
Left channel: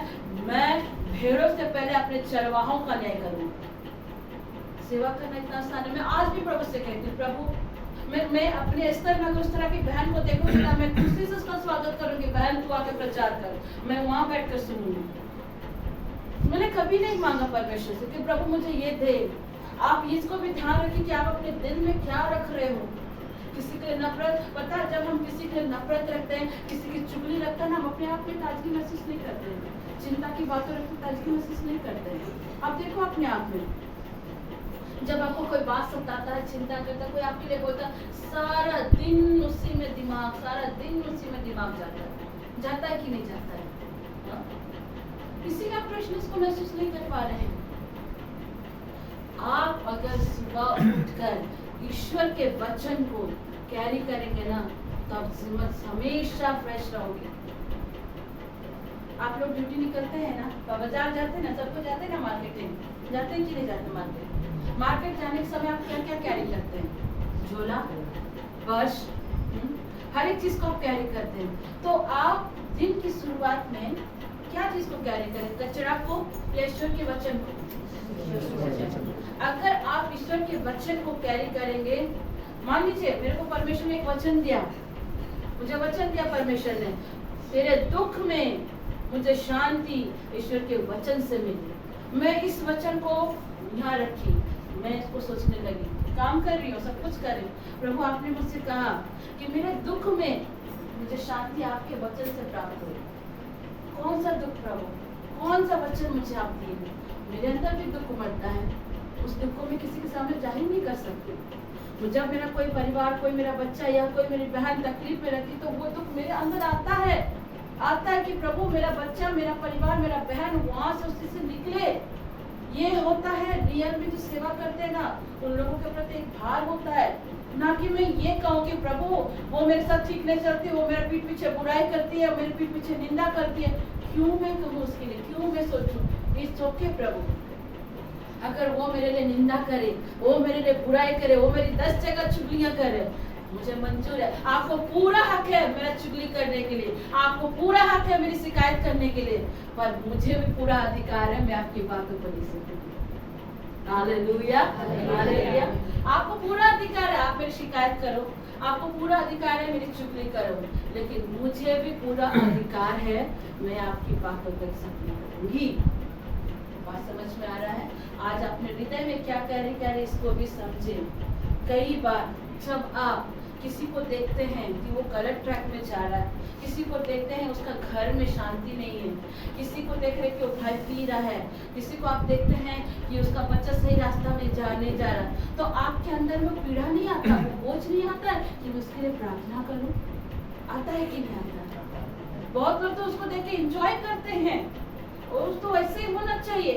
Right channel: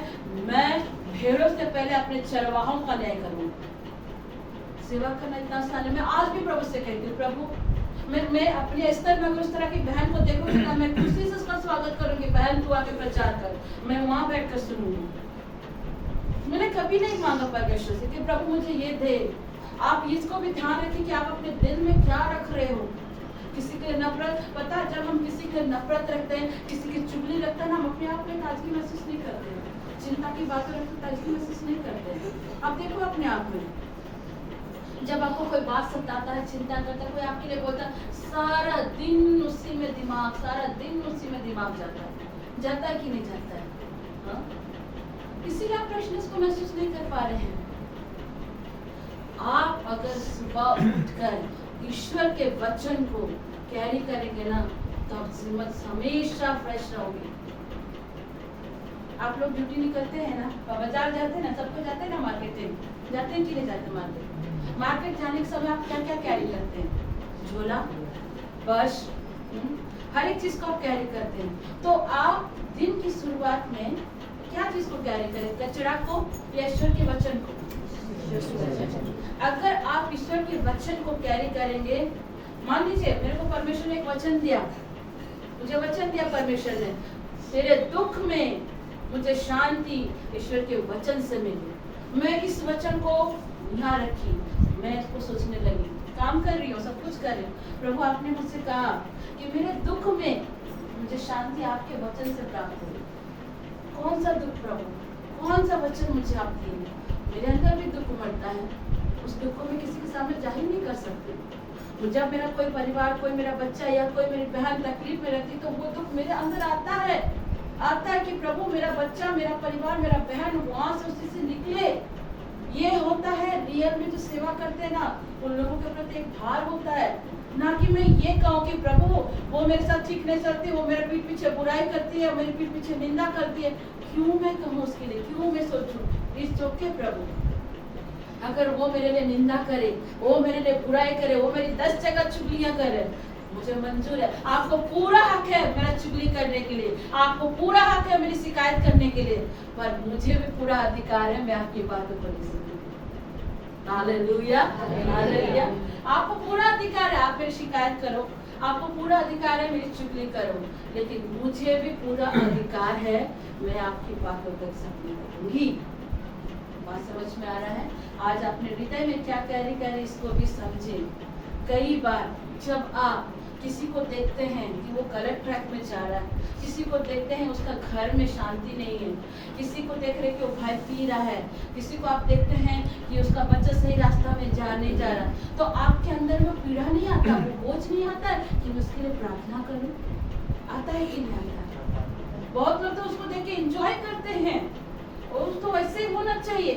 मैं भेड़ों से पहले अपने चरवाहों का न्याय करूंगा। सेवा करना इतना आसान है। मैं आज भी प्रभु से कहती हूँ, प्रभु मैं अपने स्तर में उस तरह की बहन को देखूंगी ना, मैं खुशी से उसका स्वागत करूंगी, बहन तू आके प्रचार कर, मैं वहां बैठ कर सुनूंगी। मैंने कभी नहीं मांगा परमेश्वर से कि प्रभु मुझे ये दे, आप इसको भी ध्यान रखिए कि आप अपने दिल में क्या रख रहे हो। किसी के नफरत, पता है जब हम किसी के नफरत रखते हैं, किसी की चुगली रखते हैं ना, हम अपने आप में ताजगी महसूस नहीं करते हैं। चिंता की बातें रखते ताजगी महसूस नहीं करते हैं। आप देखो अपने आप में, जब आपको कोई बात सताता है, चिंता करता है, कोई आपके लिए बोलता है, सारा दिन उसी में दिमाग, सारा दिन उसी में दिमाग जाता है कि नहीं जाता है? इसीलिए आप फ्रेशनेस को महसूस नहीं कर पा रहे हैं। आप अगर सुबह उठकर ईश्वर के वचन को कैरी करेंगे ना, तब हमेशा फ्रेश रहोगे। आप लोग ड्यूटी निकलते हैं ना, बाजार जाते हैं ना, सबको जाते हैं ना, मार्केटिंग जाते हैं कि नहीं जाते? मार्केट जाने के समय आप क्या क्या कैरी करते हैं? झोला, पर्स, हर एक चीज को आप कैरी करते हैं। तो आप दिन की शुरुआत में क्या चीज को कैरी करें? कचरा को या ईश्वर के वचन को? अगर आप ईश्वर के वचन को कैरी करेंगे, मान लीजिए मेरे को परमेश्वर ने एक वचन दिया, मुझे वचन दिया परमेश्वर ने, तेरे दुख में मुझे शांति ईश्वर के वचन से मिली। मैं इस वचन को यहाँ रखी, मैं इसको सोचने लगी, काम कर रही हूँ, सब कुछ कर रही हूँ। प्रभु आपने मुझसे कहा कि मेरे दुख में मुझे शांति आपके वचन से प्राप्त हो। कौन सा दुख प्रभु? कौन सा वचन मुझे आप दिए? मेरे अंदर भी दुख उमड़ता है, उस दुख को मैं किसी के सामने जाहिर नहीं कर सकती। जब मेरा कोई परिवार, कोई मेरा बच्चा या कोई मेरी बहन तकलीफ में रहती, तो वो दुख मेरे अंदर आता है कि प्रभु मेरा बच्चा, मेरा परिवार, मेरा बहन वहां से उसी से निकले। ये होता है रियल में जो सेवा करते हैं ना, उन लोगों के प्रति एक भार होता है। ना कि मैं ये कहूँ कि प्रभु वो मेरे साथ ठीक नहीं चलती, वो मेरे पीठ पीछे बुराई करती है, मेरे पीठ पीछे निंदा करती है, क्यों मैं कहूँ उसके लिए, क्यों मैं सोचूं? इस चौके प्रभु अगर वो मेरे लिए निंदा करे, वो मेरे लिए बुराई करे, वो मेरी 10 जगह चुगलियां करे, मुझे मंजूर है। आपको पूरा हक है मेरा चुगली करने के लिए, आपको पूरा हक है मेरी शिकायत करने के लिए, पर मुझे भी पूरा अधिकार है मैं आपकी बातों को नहीं सुनूंगी। Hallelujah, hallelujah. आपको पूरा अधिकार है, आप मेरी शिकायत करो, आपको पूरा अधिकार है मेरी चुगली करो, लेकिन मुझे भी पूरा अधिकार है मैं आपकी बातों तक सफल करूंगी। बात समझ में आ रहा है? आज अपने हृदय में क्या कैरी करे इसको भी समझे। कई बार जब आप किसी को देखते हैं कि वो गलत ट्रैक में जा रहा है, किसी को देखते हैं उसका घर में शांति नहीं है, किसी को देख रहे कि वो भाई पी रहा है, किसी को आप देखते हैं कि उसका बच्चा सही रास्ता में नहीं जा रहा, तो आपके अंदर वो पीड़ा नहीं आता, वो बोझ नहीं आता है कि मैं उसके लिए प्रार्थना करूं? आता है कि नहीं आता? बहुत लोग तो उसको देख के एंजॉय करते हैं, और तो ऐसे ही होना चाहिए,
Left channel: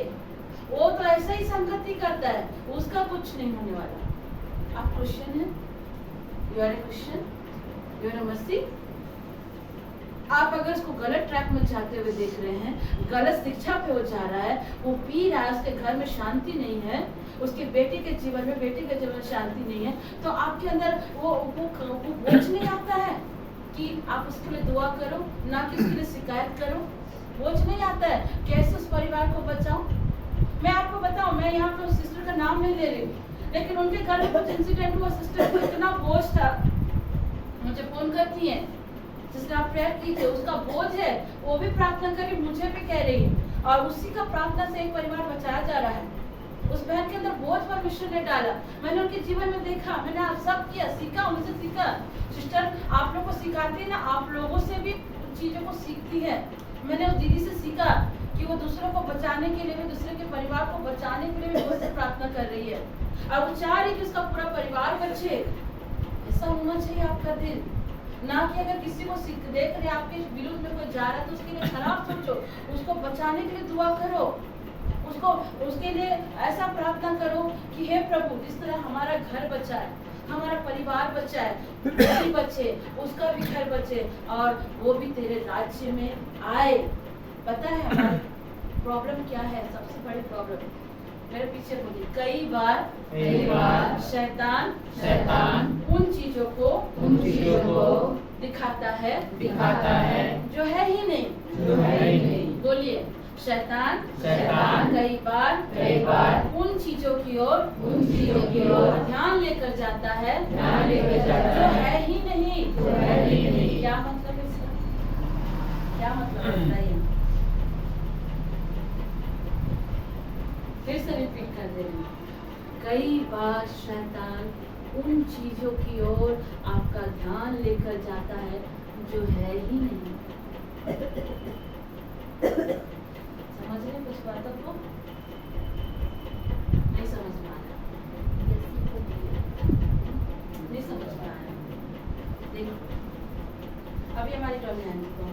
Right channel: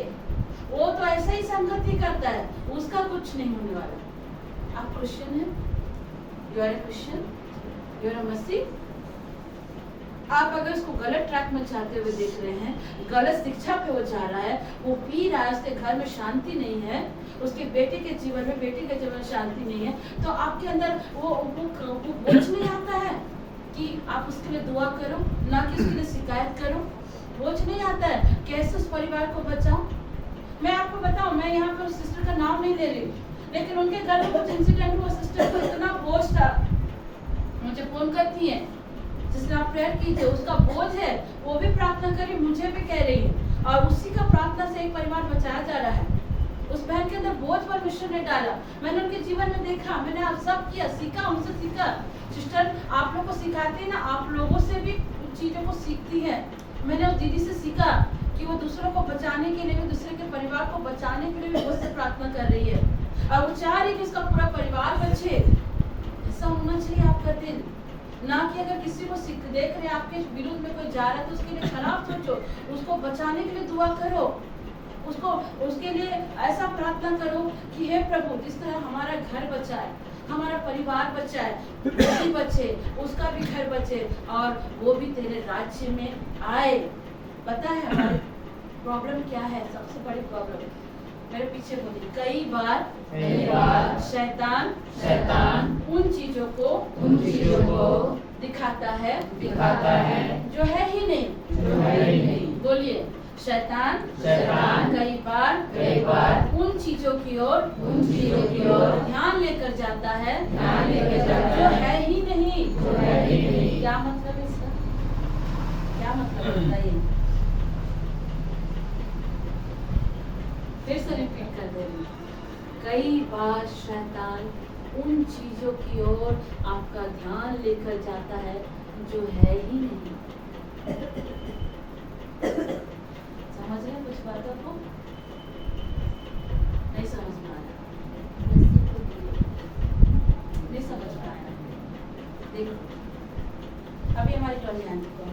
वो तो ऐसे ही संगति करता है, उसका कुछ नहीं होने वाला। आप क्रिश्चियन हैं, you are a Christian, you are a मसीह। आप अगर उसको गलत ट्रैक में जाते हुए देख रहे हैं, गलत शिक्षा पे वो जा रहा है, वो पी रहा है, उसके घर में शांति नहीं है, उसके बेटे के जीवन में, बेटी के जीवन में शांति नहीं है, तो आपके अंदर वो बोझ नहीं आता है कि आप उसके लिए दुआ करो, ना कि उसके लिए शिकायत करो। बोझ नहीं आता है कैसे उस परिवार को बचाऊं। मैं आपको बताऊं, मैं यहाँ पे उस सिस्टर का नाम नहीं ले रही, लेकिन उनके घर में कुछ इंसिडेंट हुआ, सिस्टर को इतना बोझ था, मुझे फोन करती है, जिसने आप प्रेयर कीजिए, उसका बोझ है, वो भी प्रार्थना करी, मुझे भी कह रही है, और उसी का प्रार्थना से एक परिवार बचाया जा रहा है। उस बहन के अंदर बोझ परमेश्वर ने डाला, मैंने उनके जीवन में देखा, मैंने आप सब किया, सीखा, उनसे सीखा। सिस्टर आप लोग को सिखाती है ना, आप लोगों से भी चीजों को सीखती है। मैंने उस दीदी से सीखा कि वो दूसरों को बचाने के लिए भी, दूसरे के परिवार को बचाने के लिए भी बहुत से प्रार्थना कर रही है, और वो चाह रही कि उसका पूरा परिवार बचे। ऐसा होना चाहिए आपका दिल, ना कि अगर किसी को देख रहे आपके विरुद्ध में कोई जा रहा है तो उसके लिए खराब सोचो, उसको बचाने के लिए दुआ करो, उसको उसके लिए ऐसा प्रार्थना करो कि हे प्रभु, जिस तरह हमारा घर बचा है, हमारा परिवार बचा है, वो भी बचे, उसका भी घर बचे, और वो भी तेरे राज्य में आए। पता है हमारी प्रॉब्लम क्या है? सबसे बड़ी प्रॉब्लम, मेरे पीछे बोलिए, कई बार शैतान उन चीजों को दिखाता है जो है ही नहीं। बोलिए, शैतान कई बार उन चीजों की ओर ध्यान लेकर जाता है जो है ही नहीं। क्या मतलब है इसका? क्या मतलब है ये? फिर से रिपीट कर दे रही हूँ। कई बार शैतान उन चीजों की ओर आपका ध्यान लेकर जाता है जो है ही नहीं। समझ रहे हैं कुछ बातों को? नहीं समझ में आ रहा, नहीं समझ में आ रहा। देखो अभी हमारी टॉमी आंटी को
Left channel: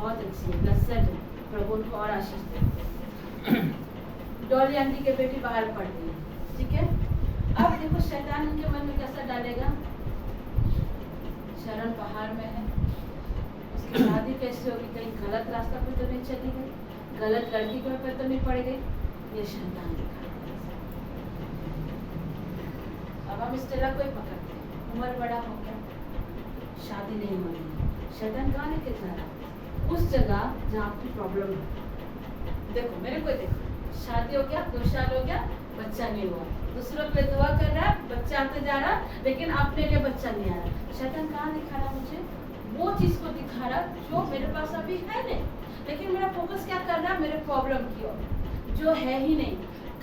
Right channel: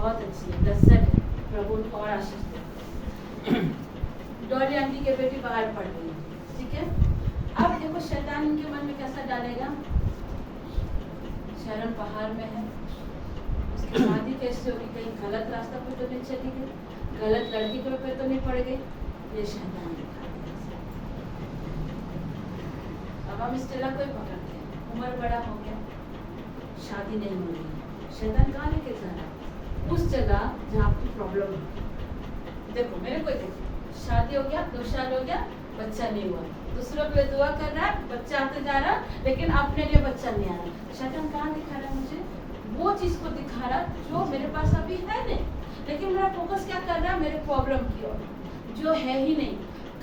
बहुत अच्छी है, ब्लेस्ड है, प्रभु उनको और आशीष दे। डॉली आंटी के बेटी बाहर पढ़ रही है, ठीक है। अब देखो शैतान उनके मन में कैसा डालेगा, शरण बाहर में है, उसकी शादी कैसे होगी, कहीं गलत रास्ता पे तो नहीं चली गई, गलत लड़की को पे तो नहीं पड़ गई, ये शैतान दिखा देगा। अब हम स्टेला को ही पकड़ते हैं, उम्र बड़ा हो गया, शादी नहीं हो रही, शैतान कहाँ लेके जा रहा है? उस जगह जहाँ आपकी प्रॉब्लम है। देखो मेरे को देखो, शादी हो गया, 2 साल हो गया, बच्चा नहीं हुआ, दूसरों के लिए दुआ कर रहा है, बच्चा आते जा रहा है, लेकिन अपने लिए बच्चा नहीं आ रहा। शैतान कहाँ दिखा रहा है मुझे? वो चीज को दिखा रहा जो मेरे पास अभी है नहीं, लेकिन मेरा फोकस क्या कर रहा है? मेरे प्रॉब्लम की ओर, जो है ही नहीं।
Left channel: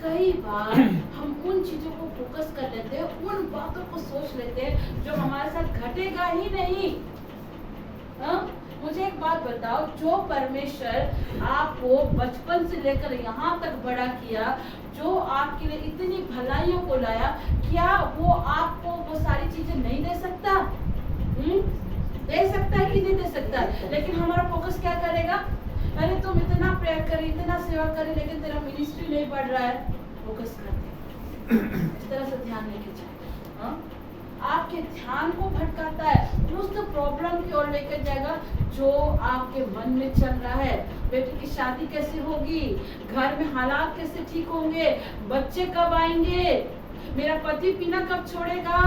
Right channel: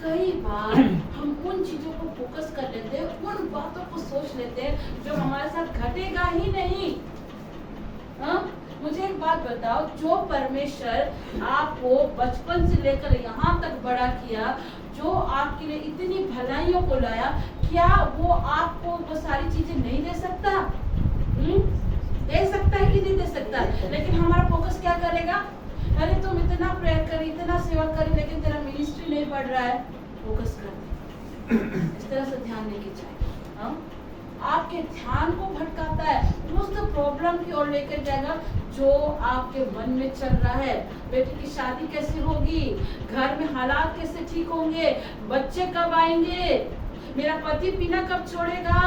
कई बार हम उन चीजों को फोकस कर लेते हैं, उन बातों को सोच लेते हैं जो हमारे साथ घटेगा ही नहीं। हाँ? मुझे एक बात बताओ, जो परमेश्वर आपको बचपन से लेकर यहाँ तक बड़ा किया, जो आपके लिए इतनी भलाइयों को लाया, क्या वो आपको वो सारी चीजें नहीं दे सकता? दे सकता है कि नहीं दे सकता? लेकिन हमारा फोकस क्या करेगा? अरे तुम इतना प्रेयर करी, इतना सेवा करी, लेकिन तेरा मिनिस्ट्री नहीं बढ़ रहा है। फोकस करते इस तरह से ध्यान लेके जाए। हाँ? आपके ध्यान को भटकाता है, उस प्रॉब्लम की ओर लेकर जाएगा जो आपके मन में चल रहा है। बेटी की शादी कैसे होगी, घर में हालात कैसे ठीक होंगे, बच्चे कब आएंगे, मेरा पति पीना कब छोड़ेगा,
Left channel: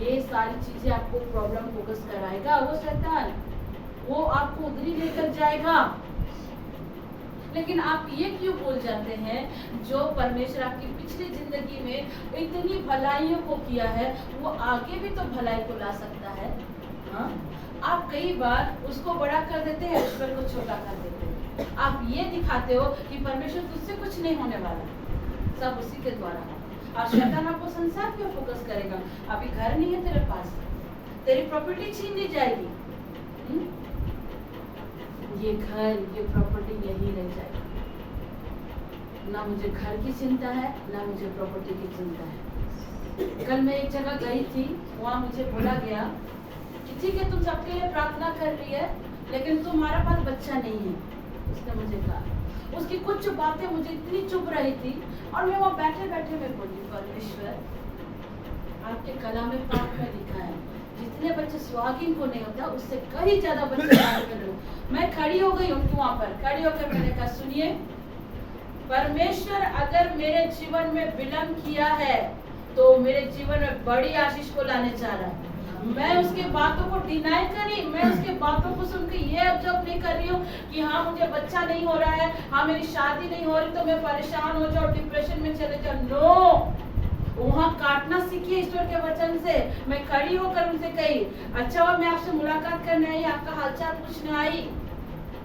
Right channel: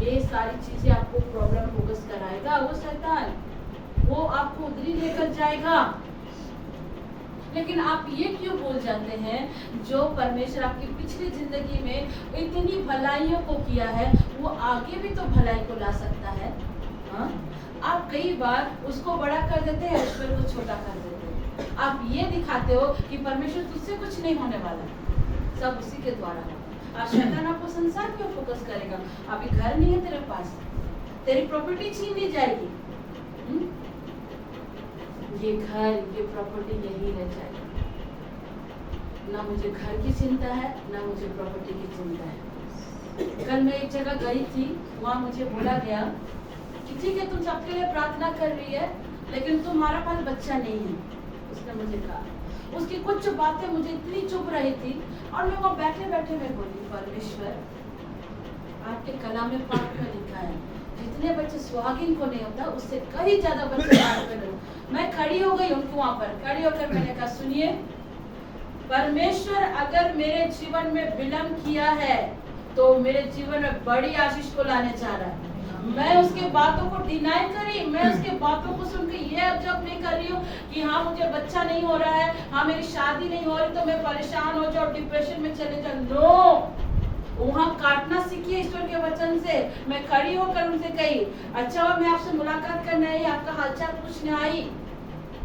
ये सारी चीजें आपको प्रॉब्लम फोकस कराएगा वो शैतान, वो आपको उधरी लेकर जाएगा। लेकिन आप ये क्यों भूल जाते हैं, जो परमेश्वर आपकी पिछली जिंदगी में इतनी भलाइयों को किया है, वो आगे भी तो भलाई को ला सकता है। हाँ? आप कई बार उसको बड़ा कर देते हैं, ईश्वर को छोटा कर देते हैं। आप ये दिखाते हो कि परमेश्वर तुझसे कुछ नहीं होने वाला, सब उसी के द्वारा होगा। और शैतान आपको संसार क्यों फोकस करेगा? अभी घर नहीं है तेरे पास, तेरी प्रॉपर्टी छीन ली जाएगी, ये घर, ये प्रॉपर्टी यही रह जाएगी। ना मुझे घर की चिंता है, ना मुझे प्रॉपर्टी की चिंता है। कल मैं एक जगह गई थी, वहाँ मुझे बोला गया कि ठीक है तुम सबके लिए प्रार्थना कर रही है, लेकिन तुम्हारा पास बच्चा नहीं है। उसने मुझे कहा, उसकी कुछ बातें मुझे इतनी चुभ रही थी, और मैं वहाँ बैठे बैठे मैं बोली, परमेश्वर आपके कलाम में पाक में लिखा है, जितने बच्चे सुहागिन को नहीं होता, उससे कहीं ज्यादा बच्चे में लो। मैं खड़ी हो गई उनको वहां पर, खड़ी होकर मैंने कहा सुनिए, परमेश्वर अगर मेरे जीवन में विलंब किया है, तो मेरे जीवन में बड़ी आशीष को लाने जा रहा है। मैं उसके बातों को डिनाई करी, मैं उसके बातों को सुनकर ये ऑब्जर्व नहीं कर रही हूँ कि हाँ मुझे बच्चा नहीं हो रहा है, हाँ मेरी शादी नहीं हो रही, तो मैं परेशान हो जाऊँ, डिप्रेशन में चले जाऊँ। नो, वहाँ काटना सीखिए ईश्वर के वचन से। मैं खड़ी होकर उनसे कही, अच्छा मैं आपसे मुलाकात करने आई, आपका हालचाल पूछने आई,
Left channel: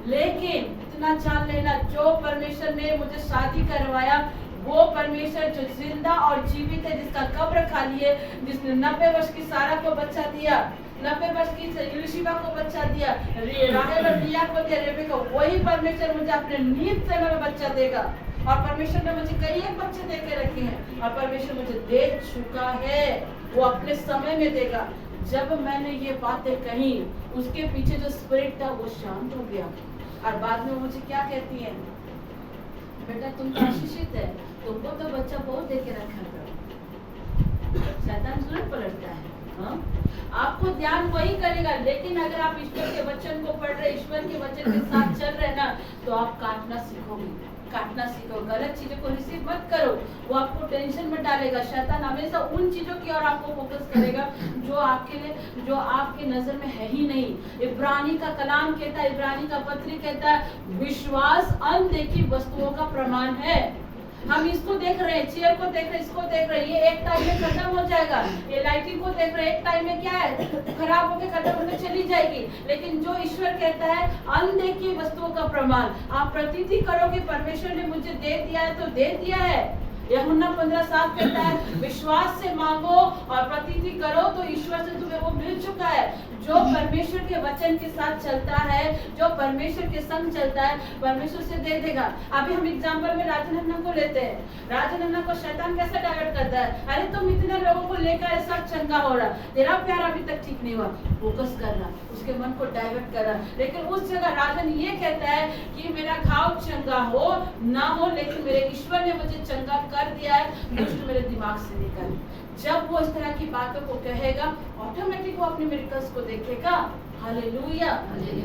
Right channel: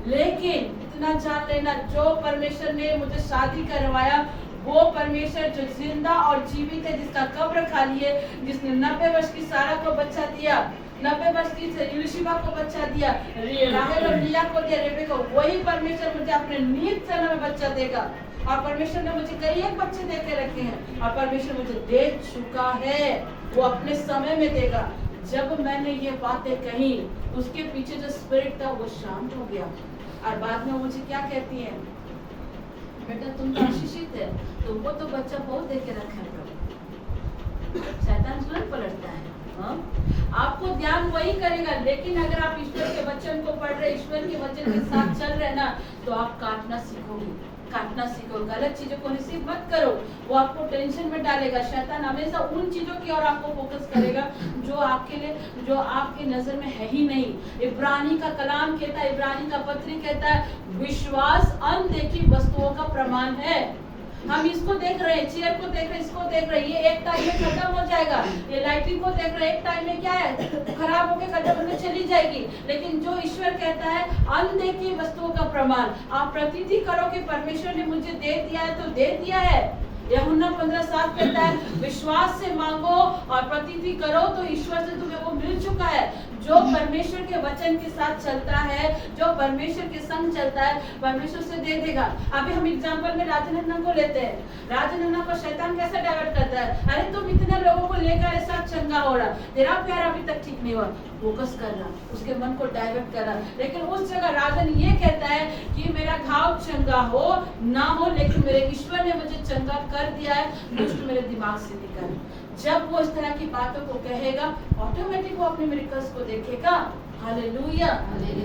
लेकिन इतना जान लेना, जो परमेश्वर ने मुझे शादी करवाया, वो परमेश्वर जो जिंदा और जीवित है, जिसका कब्र खाली है, जिसने 90 वर्ष की सारा को बच्चा दिया, 90 वर्ष की यूलिशिबा को बच्चा दिया, राहेल और लिया को दिया, रेबेका, वही परमेश्वर मुझे अपने नीत समय में बच्चा देगा। और परमेश्वर ने मुझे कई एक बच्चे दे के रखे हैं, और परमेश्वर मुझे दे चुका है, वो अपने समय में देगा। जब मैंने ये बातें कही, उसके पीछे जो स्पिरिट था वो शांत हो गया, और बाद में वो मुझे क्या कहती है, बेटा तुम तो आशीषित है, तुमको तो बच्चा बहुत दे के रखा है। शैतान तुरंत पलटता है। हाँ? आपको ध्यान वही करेगा, लेकिन अगर आप ईश्वर के वचन को पढ़ रहे, ईश्वर के वचन के साथ चल रहे ना, तो आप काटना सीखोगे, काटना सीखो, गलत चीजों को रिसीव मत करो, वो आपको टेंशन में डालेगा। शैतान हमेशा उन चीजों की ओर आपको फोकस करेगा जो आपके लिए, जो आपके नजर में है ही नहीं। इब्रानी का कलाम कहता है, इब्रानी का पत्री कहता है, विश्वास अनदेखी वस्तुओं का प्रमाण है। हम इसको देख रहे हैं, चेयर को देख रहे हैं, इसको देख रहे हैं, ये एक टाइम में खत्म हो जाएगा। ये लाइटिंग को देख रहे हैं, एक टाइम में क्या है, खराब होके खत्म होकर चली जाएगी। लेकिन जो ईश्वर कहता है, अनदेखी वस्तुओं का प्रमाण, आप प्रतीति करो कि परमेश्वर ने मुझे दे दिया है, तो दे दिया है। यूहन्ना 15:7 कहता है विश्वास से मांगो और प्रतीति करो तो ईश्वर से तुम्हें वो मिल चुका है। जो परमेश्वर के वचन के साथ चलता है, जो परमेश्वर के संग चलता है, परमेश्वर से दे देगा। अभी हम एग्जांपल में राजन हन्ना को लेते हैं। राजन हन्ना को शैतान कैसे डाइवर्ट करता है, अरे तुम इतने लोगों को लेकर सब चंगा हो रहा, तेरा प्यार अभी तक ठीक नहीं हुआ, फोकस कर रहा, उसके मन को डाइवर्ट कर रहा। लेकिन उस जगह राजन ये कहता है कि मेरा घाव चंगा हो ना हो, लेकिन मेरे ईश्वर ने मुझे चंगा कर दिया है, दुष्ट मेरे दिमाग से निकल। जब वो इस तरह की बातों को कहेगा, ऑटोमेटिक वो अपने मिरेकल्स को देखेगा। हालेलुया।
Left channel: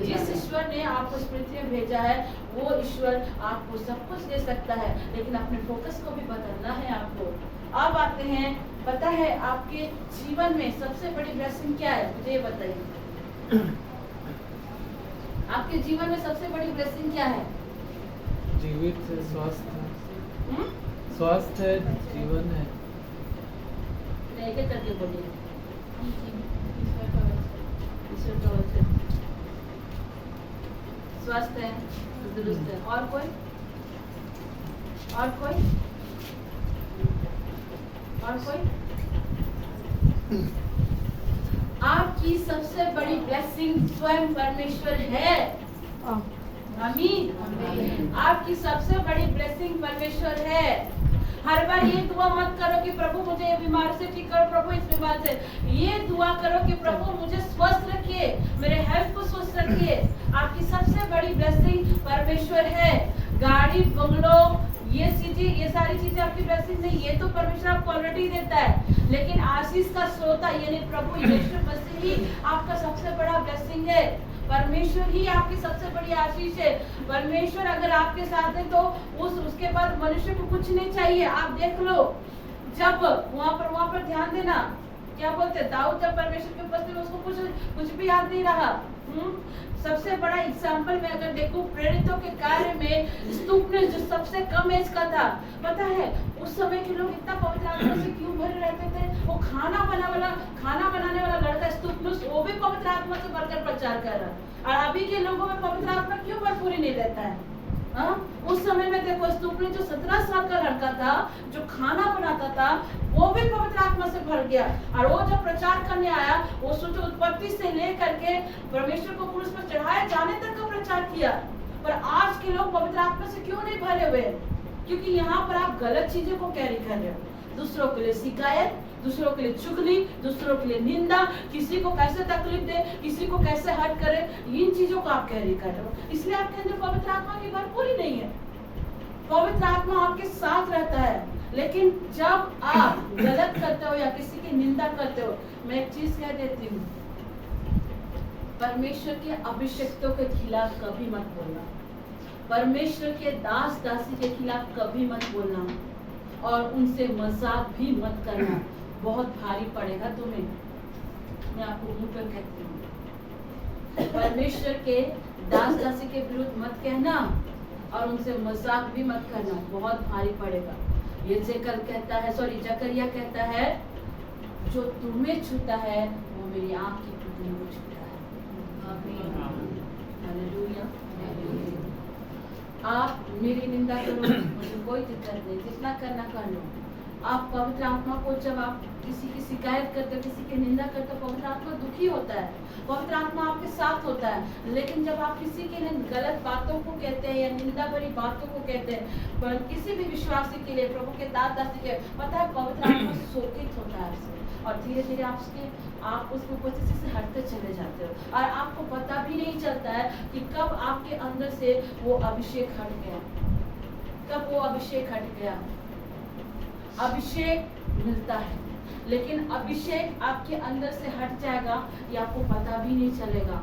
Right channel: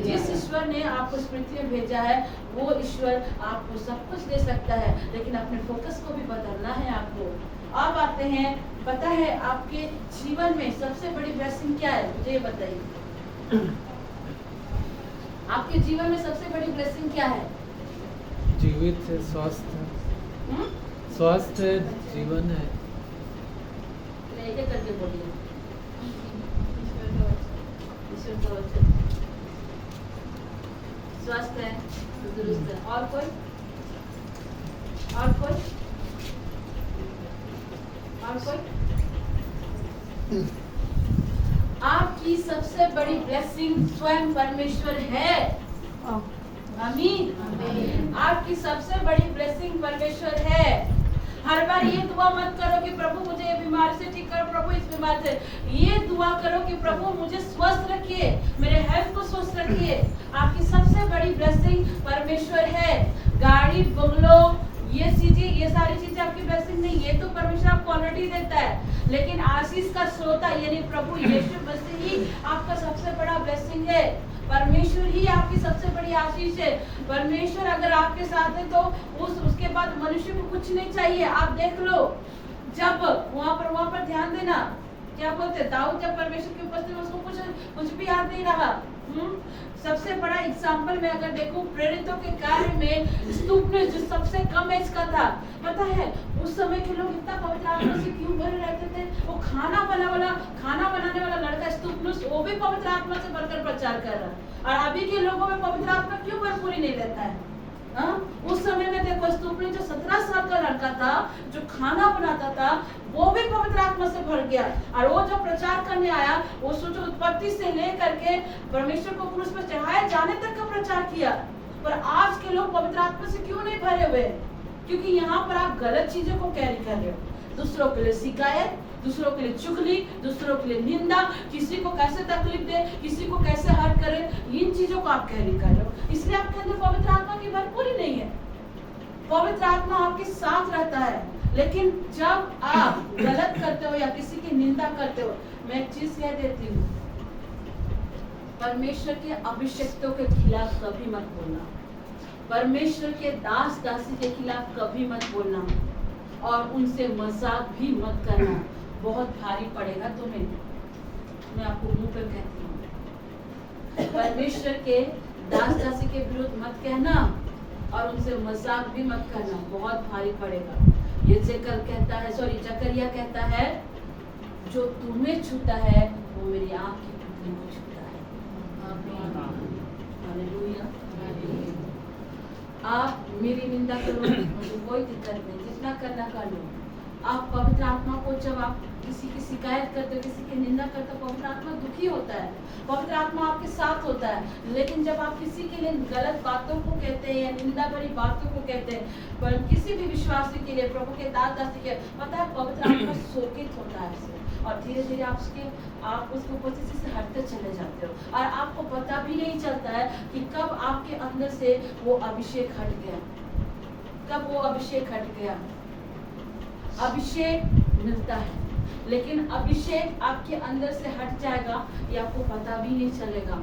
जिस ईश्वर ने आपको इस पृथ्वी में भेजा है, वो ईश्वर आपको सब कुछ दे सकता है, लेकिन अपने फोकस को भी बदलना है आपको। अब आते हैं, पता है आपके जीवन में सबसे बड़ी ब्लेसिंग क्या है, मुझे ये बताइए। आपके जीवन में सबसे बड़ी ब्लेसिंग क्या है? जीवित है, स्वास्थ्य, स्वास्थ्य जीवन है। एक एक करके बोलिए। ईश्वर का वचन, स्वस्थ है, दुरुस्त है। और कोई? और कोई? और कोई? आपकी सबसे बड़ी ब्लेसिंग स्वयं परमेश्वर है। आमीन। आपकी सबसे बड़ी ब्लेसिंग परमेश्वर है। हर बार ये दुआ मत करो कि प्रभु मुझे ये बीमारी से ठीक करो, प्रभु इस बीमारी से। ये दुआ करो कि प्रभु मुझे स्वस्थ रखिए, मेरे हेल्थ को स्वस्थ रखिए। आपकी सबसे बड़ी ब्लेसिंग परमेश्वर है। गाड़ी, बंगलो, ये चीजें, ये सारी चीजें आपकी ब्लेसिंग नहीं, ये तो परमेश्वर आपको ऑलरेडी देता है। लेकिन आशीष का स्रोता यानी प्रभु यीशु मसीह ही आपका सबसे बड़ा ब्लेसिंग है। परमेश्वर ही आपकी सबसे बड़ी आशीष है। परमेश्वर अगर आपके साथ है तो उसके बाद मनुष्य को कुछ नहीं चाहिए। आप देख लो, जब वहाँ पर ध्यान देना, क्या बोलते हैं, दाऊद जब परमेश्वर की उपस्थिति में, उसको कुछ भी याद नहीं रहा। सबसे बड़ा एग्जाम्पल में अगर देखूं, प्रेरितों के कार्य में स्तुपनुस जो सबसे कम एज का था, पता है उस समय के लोग इतना पवित्र आत्मा से क्यों भरे रहते थे? वो खाना बनाने वाला लड़का स्तुपनुस, वो भी पवित्र आत्मा से भरकर प्रचार कर रहा। और अभी के लोगों में पवित्र आत्मा क्यों भरपूरी नहीं लेता है? उस समय में देखो, स्तुपनुस जो 17 साल का लड़का था, जो खाना बनाता था, वो भी पवित्र आत्मा से भर गया। और वो जब प्रचार करने आया, वो सोचो उत्पत्ति से लेकर के परमेश्वर को क्रूस पर चढ़ाए जाने तक का प्रचार किया। पर आज के लोग पवित्र आत्मा से क्यों नहीं भरे हुए? क्योंकि यहाँ पर आप गलत चीजों को कैरी कर रहे हो। दूसरों के लिए शिकायत, दूसरों के लिए चुगली, दूसरों के लिए निंदा, किसी को कैसे तकलीफ दे, किसी को कैसे हर्ट करे, इन चीजों को आप कैरी कर रहे हो। इसलिए आपके अंदर पवित्र आत्मा की भरपूरी नहीं है। पवित्र आत्मा आपके साथ रहता है, लेकिन जब आप गलत करते हो या किसी की निंदा करते हो, मैं एक चीज कह देती हूँ, परमेश्वर के अभिषिक्तों के खिलाफ कभी मत बोलना। परमेश्वर के दास दासी के खिलाफ कभी मत बोलना, और उनसे मजाक भी मत करना। बहुत भारी पड़ेगा तुम्हें, मैं आपको मुंह पर कहती हूँ। परमेश्वर के दास दासी के विरुद्ध मत कहना, और उनसे मजाक भी मत करना, बहुत भारी पड़ेगा। ये जकरिया कहता है, जो तुम्हें छूता है वो मेरी आंख की पुतली को छूता है। हालेलुया। आप मेरी निंदा करो, मुझे कोई दिक्कत नहीं, जितना करना कर लो। आप पवित्र आत्मा को, जब आप किसी की शिकायत करते हो, किसी की निंदा करते हो, पवित्र आत्मा दुखी होता है, पवित्र आत्मा आपके साथ होता है। लेकिन जब आप किसी के लिए गलत बातों को कहते हैं या निंदा भरी बातों को कहते हैं, पर किसी भी विश्वासी के लिए, प्रभु के दास दासी के, पता है पवित्र आत्मा शोकित होता है आपसे, और धीरे धीरे आप उसके उपस्थिति से हटते चले जाते हो, और आपको पता भी नहीं चलता है कि कब आपके अंदर से वो अभिषेक हट गया, कब वो अभिषेक हट गया। अभिषेक मिलता है, लेकिन अभिषेक आपके अंदर से हट जाएगा, ये आपको पता भी नहीं चलेगा।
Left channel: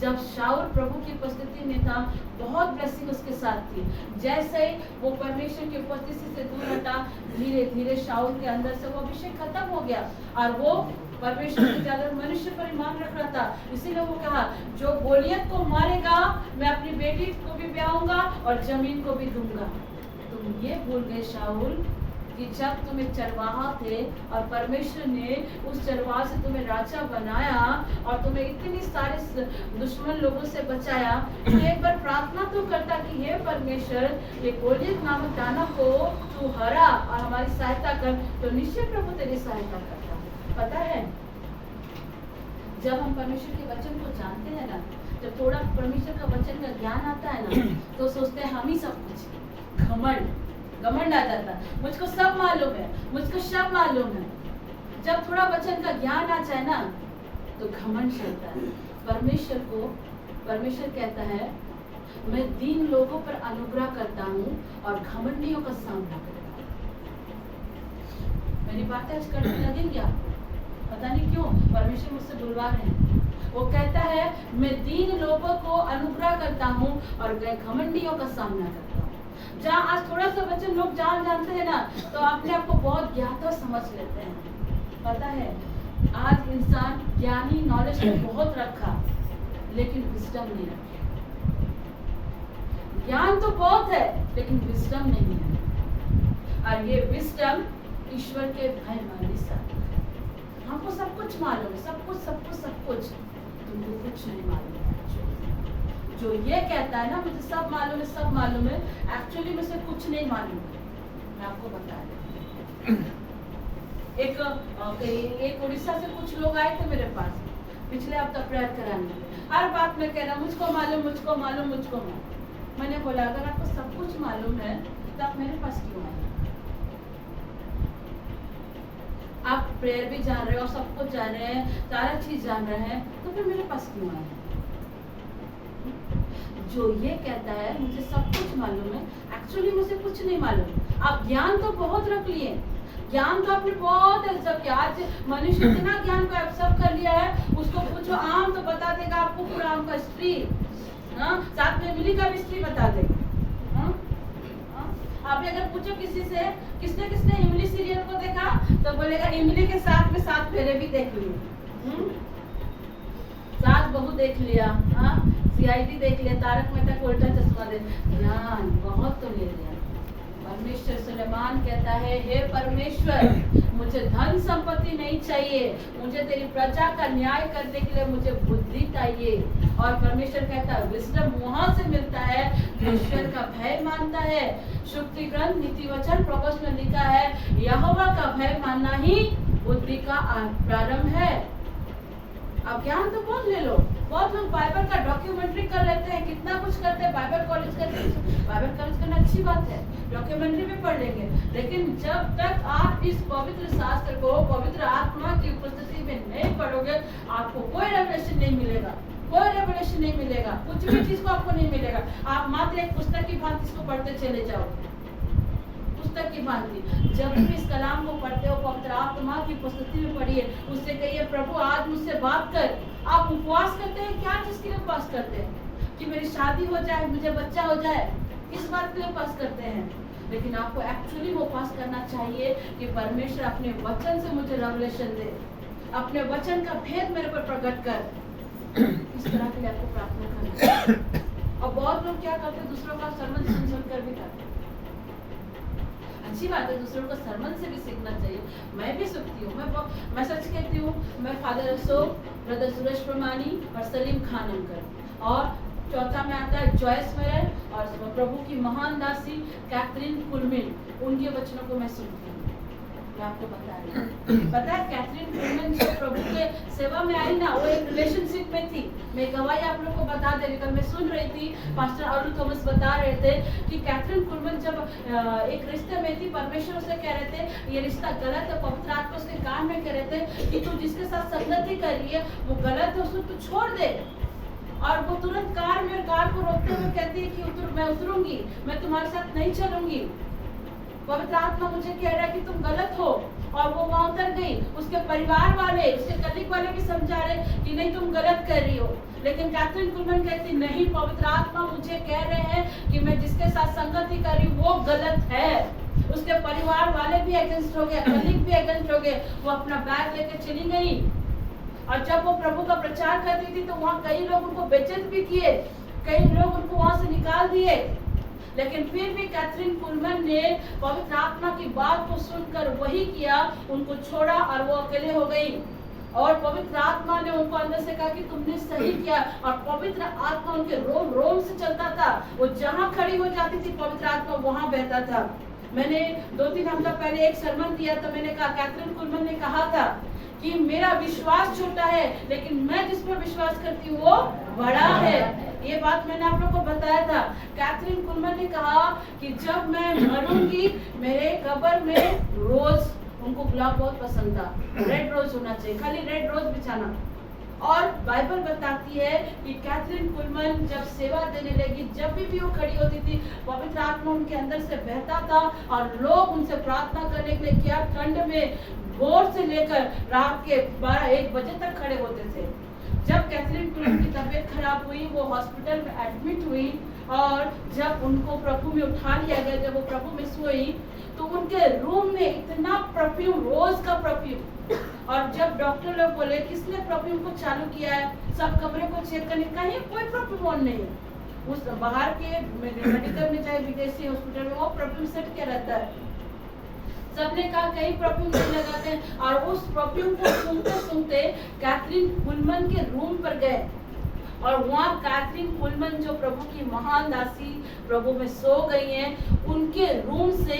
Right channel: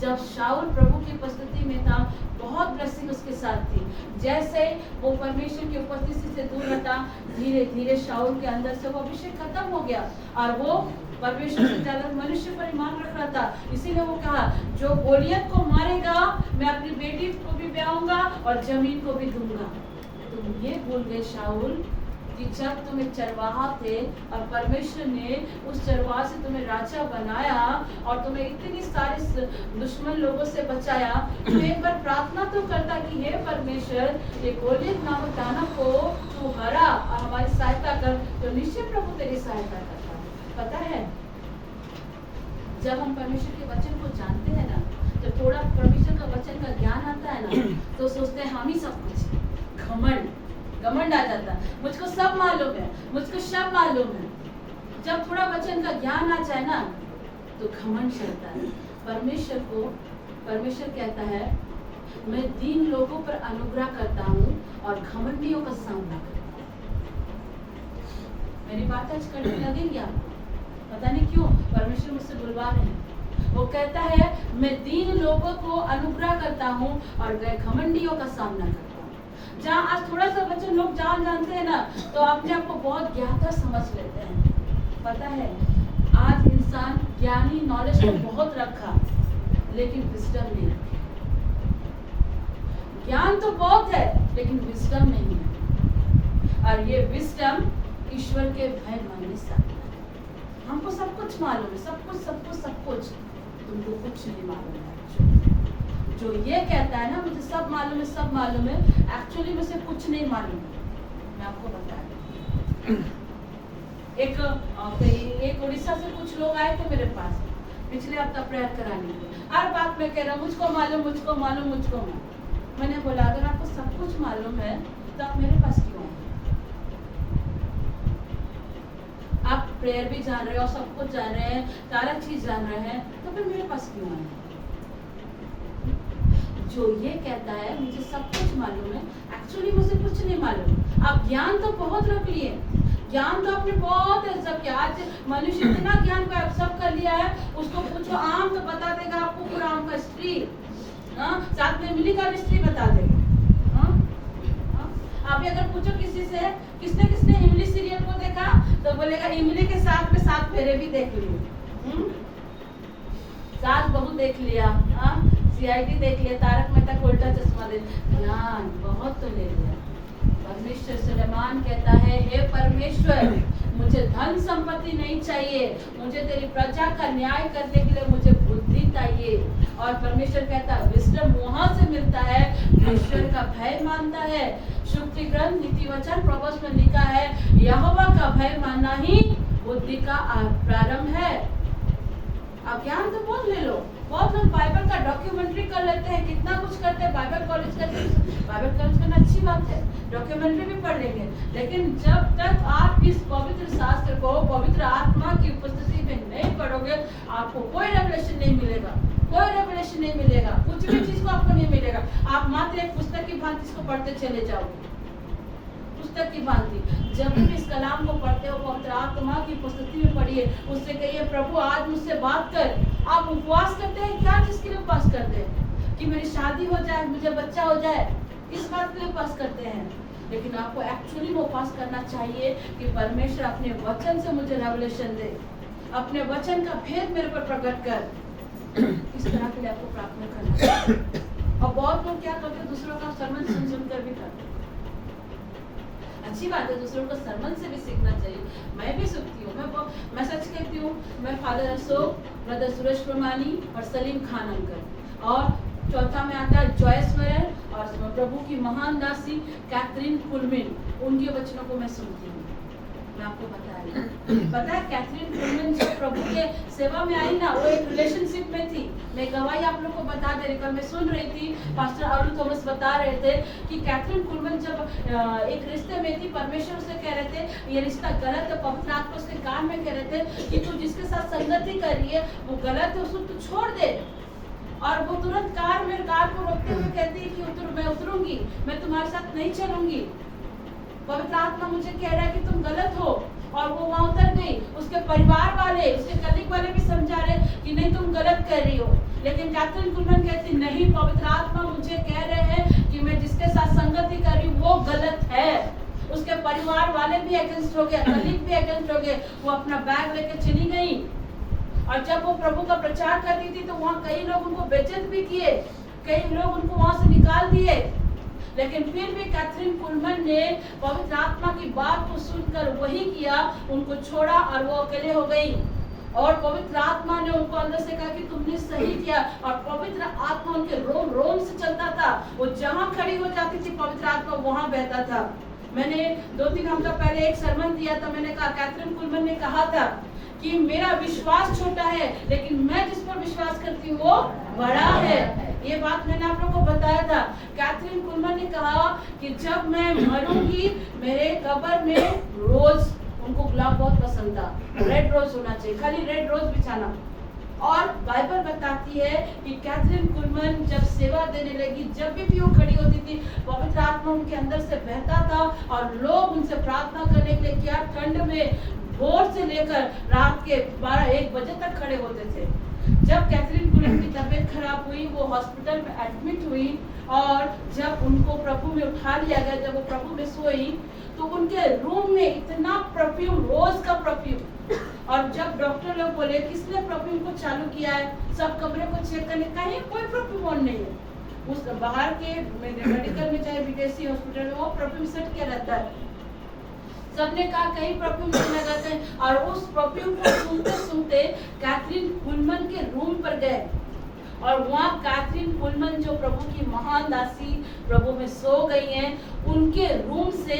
जब शाऊल प्रभु की उपस्थिति में था, बहुत ब्लेसिंग उसके साथ थी। जैसे वो परमेश्वर की उपस्थिति से दूर हटा, धीरे धीरे शाऊल के अंदर से वो अभिषेक खत्म हो गया, और वो परमेश्वर से ज्यादा मनुष्य पर ईमान रख रहा था। इसीलिए वो कहा, जो गोलियत को मारेगा, मैं अपनी बेटी को भी ब्याहूंगा और जमीन को भी दूंगा। तुम ये भूल गए शाऊल कि जब तुम एक चरवाहा थे और परमेश्वर ने उस चरवाहा से तुम्हें राजा बनाया और तुम्हें इतनी सारे दुश्मन लोगों से बचाया, तो एक बार प्रार्थना तो करता कि कि हे परमेश्वर, ये गोलियत नामक दानव को तू हरा और हमारी सहायता कर, तो निश्चय प्रभु तेरी सहायता करता है। पता है, जब हम परमेश्वर के वचन को जानते हैं ना, जब थोड़ा परमेश्वर का वचन का ज्ञान आता है ना, तो सोचते हैं हम ही सब कुछ। घमंड आ जाता है, मुझको सब मालूम है, मुझको सब मालूम है। जब थोड़ा वचन का ज्ञान आ जाए ना, तो घमंड चलता है। परमेश्वर कहता है, मैं दीन लोगों पर अनुग्रह करता हूँ और घमंडियों का सामना करता हूँ। मेरी बात आज कड़वी लगेगी आपको, पता नहीं क्यों परमेश्वर मुझसे बुलवा रहे हैं। वो कहता है, मैं दीन लोगों को अनुग्रह करता हूँ और घमंडियों का सामना करता हूँ। जहाँ आज थोड़ा सा वचन लोग जानते हैं ना, तो अपने आप को बहुत ज्ञाता समझ लेते हैं। पता है, आज इंसान ज्ञानी नॉलेज तो बहुत रखा, लेकिन विजडम नहीं रखे। ज्ञान तो बहुत है, लेकिन विजडम नहीं है। और ये विजडम ईश्वर के भय मानने से आता है। हमको सब कुछ मालूम है, सब कुछ। तुमको कुछ नहीं मालूम है। जो ये कहता है ना मुझे सब मालूम है, एक्चुअली मुझे कुछ नहीं मालूम है। मैं आपको बता दूं, एक उड़ीसा से कुछ लोग आए थे मेरे पास पिछले हफ्ता प्रेयर कराने के लिए। हर बात में कह रहा मुझको मालूम। मैंने बोला, अगर आपको सब कुछ मालूम है तो आप मेरे पास क्यों आए? आप प्रेयर भी जान रहे हो, सब कुछ जान रहे हैं, सारा चीज जान रहे हैं, तो फिर मेरे पास क्यों आए? जो ये कहता है मुझे सब कुछ मालूम है, एक्चुअली मुझे कुछ नहीं मालूम। आप ज्ञान तो बहुत रख लिए, ज्ञान तो आपने बहुत एक्सेप्ट किया। आज मनुष्य इतना ज्ञान को एक्सेप्ट कर लिया है, उसको पूछो आम तो बता देगा आपको पूरा आम का हिस्ट्री, साथ में इमली का भी हिस्ट्री बता देगा। आप अगर पूछो किसी से किसने इमली सीरियल को देखा, तो बोलेगा इमली के साथ में 7 फेरे भी देख लिए, सास बहू देख लिया, CID देख लिया, तारक मेहता का उल्टा चश्मा देख, ज्ञान बहुत तो ले लिया। परमेश्वर सुलेमान कहता है, हे परमेश्वर, मुझे धन संपत्ति नहीं चाहिए, मुझे तेरी प्रजा का न्याय करने के लिए मुझे बुद्धि चाहिए। और परमेश्वर कहता है विजडम वहां से मिलता है, ईश्वर का भय मानता है। शुक्ति ग्रंथ नीति वचन प्रोवर्ब्स में लिखा है, यहोवा का भय मानना ही बुद्धि का प्रारंभ है। अब ज्ञान तो बहुत ले लो। बहुत लोग बाइबल का डॉक्यूमेंट्री कर लेते हैं, कितना कुछ करते हैं, बाइबल कॉलेज करना अच्छी बात है, डॉक्यूमेंट्री भी पढ़ लेंगे, लेकिन जब तक आप इस पवित्र शास्त्र को पवित्र आत्मा की उपस्थिति में नहीं पढ़ोगे, आपको कोई रेवलेशन नहीं मिलेगा, कुछ भी चीज को आपको नहीं मिलेगा। आप मात्र एक पुस्तक की भांति इसको पढ़ते चले जाओगे, पुस्तक की भांति। जब भी इस कलाम को पढ़ते हो, पवित्र आत्मा की उपस्थिति में पढ़िए, उससे कहिए प्रभु आज मुझसे बात कर। आप उपवास करते हैं, क्या चीज के लिए उपवास करते हैं? कि मेरी शादी हो जाए, मुझे बच्चा हो जाए, इस बात के लिए उपवास करते हैं। लेकिन आपको एक्चुअली वो उपवास करना चाहिए कि परमेश्वर अपने वचन से मुझे रेवलेशन दे, अपने वचन का भेद मेरे पर प्रकट कर। इस तरह के लिए आपको प्रार्थना करना है। और बहुत लोग क्या करते हैं, दूसरों का सरमन सुन कर भी करते हैं। अच्छी बात है, दूसरों को सरमन से भी सीखना चाहिए। मैं भी सीखती हूँ, मैं सच कहती हूँ। मैं फादर अशोक, ब्रदर सुरेश परमानी और सलीम खान अंकल, और चौथा में आता है जॉयस मरल और प्रभु की महान दासी कैथरीन कुलमिन, उनके वचनों को मैं सुनती हूँ। मैं आपको बता रही हूँ, पता है कैथरीन कुलमिन जब प्रभु के सेवा में आई ना, वो एक रिलेशनशिप में थी। मैं गवाही आप लोग को बता दे रही, कल मैं सुन रही थी, पास्टर अरुण थॉमस बता रहे थे कि कैथरीन कुलमिन जब एक रिश्ते में थी, परमेश्वर उसे कह रहे थे ये रिश्ता गलत है, पवित्र आत्मा उसके कान में कह रहे थे कि तू जिसके साथ संगति कर रही है वो गलत है, उसको तू छोड़ दे। और वो तुरंत कार को रोकते हुए कहती है कि मैं उतरूंगी, मैं तुम्हारे साथ नहीं चलूंगी, पवित्र आत्मा मुझे कह रहा है कि तुम गलत हो। और वो वहां उतर गई। उसके परिवार वाले, उसके कलीग वाले भी समझा रहे कि नहीं तुम गलत कर रही हो, लेकिन कैथरीन कुलमन कहती नहीं, पवित्र आत्मा मुझे कह रहे हैं कि मैं जिसके साथ संगति कर रही हूँ वो गलत है। उसके परिवार वाले भी अगेंस्ट हो गए, कलीग भी अगेंस्ट हो गए, वो अपना बैग लेके चली गई। और जब वो प्रभु का प्रचार कर रही थी तो वहाँ कई लोग उनको बेइज्जत भी किए, कई लोग उनको वहां से निकाल दिए, लेकिन फिर भी कैथरीन कुलमन ने पवित्र आत्मा की बात को सुनकर वही किया, उनको छोड़ा और वो अकेले हो गई। और पवित्र आत्मा ने उनको अंदर से कहा कि तुमने सही किया, और पवित्र आत्मा उनके रोम रोम से चलता था। वो जहाँ खड़ी हो जाती थी पवित्र आत्मा वहाँ बहता था। मैंने 2-3 हफ्ता पहले एक सरमन दिया था, मैंने कहा, कैथरीन कुलमन ने कहा था कि मेरा विश्वास छोटा है लेकिन मैं जिस पर विश्वास करती हूँ वो बड़ा है। ये बात मैंने आप लोग को बताया था। कैथरीन कुलमन ने कहा कि जब मैं मरूंगी मेरे कब्र में रोज, उनको गुलाब बहुत पसंद था, रेड रोज होना चाहिए, खाली रेड रोज बिछाना। और बाइबल बताती है कि कैथरीन कुलमन जब सेवा देने लगी, जब भी वो खड़ी होती थी पवित्र आत्मा उनके अंदर से बहता था और लोग उनसे प्रार्थना करने के लिए क्या ठंड में भोर से लेकर रात के 12-1 बजे तक खड़े होते थे। जब कैथरीन कुलमन की तबीयत खराब हुई, वो हॉस्पिटल में एडमिट हुई और जब उनको प्रभु में उठा लिया गया, जब वो प्रभु में सोई तो उनके रूम में इतना परफ्यूम, रोज का परफ्यूम। और जब डॉक्टर लोग बोले किसने परफ्यूम को चालू किया है, सब कमरे को चेक करने, कहीं कोई परफ्यूम ऑन नहीं है। उस बाहर के मेडिकल में चाहे विदेशी हॉस्पिटल में वो परफ्यूम सेट किया रहता है। सबने कहा कहीं परफ्यूम नहीं लगाते हैं, और उस परफ्यूम को सूंघते सूंघते कैथरीन कुलमन के रूम पर गए और वहाँ कैथरीन कुलमन जो प्रभु की महान दासी प्रभु में सो गई हैं, उनके रूम से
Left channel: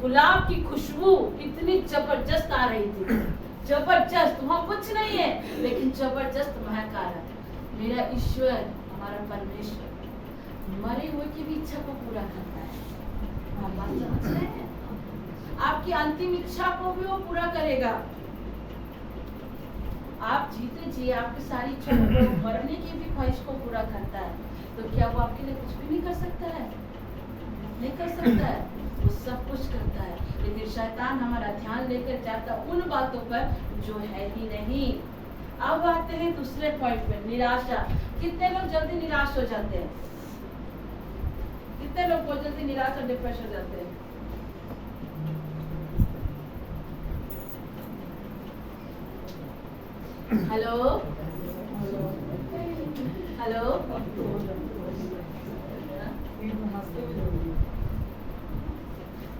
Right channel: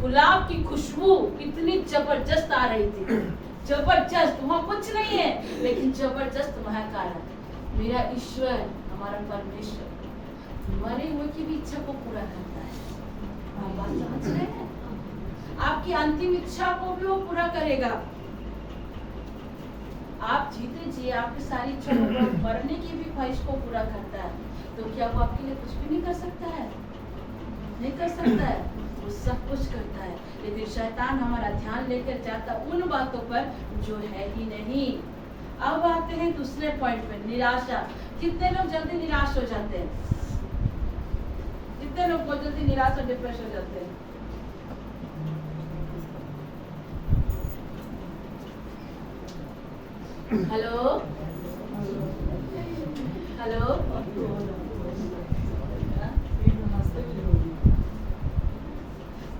गुलाब की खुशबू इतनी जबरदस्त आ रही थी, जबरदस्त। वहाँ कुछ नहीं है लेकिन जबरदस्त महक आ रहा है। मेरा ईश्वर, हमारा परमेश्वर मरे हुए की भी इच्छा को पूरा करता है। आप बात समझ रहे हैं? आपकी अंतिम इच्छा को भी वो पूरा करेगा। आप जीते जी आपकी सारी इच्छा को, मरने की भी ख्वाहिश को पूरा करता है, तो क्या वो आपके लिए कुछ भी नहीं कर सकता है? नहीं कर सकता है, वो सब कुछ करता है। लेकिन शैतान हमारा ध्यान लेकर जाता उन बातों पर जो है ही नहीं। अब आते हैं दूसरे पॉइंट पे, निराशा। कितने लोग जल्दी निराश हो जाते हैं? कितने लोग बहुत जल्दी निराश और डिप्रेस हो जाते हैं? हेलो हेलो,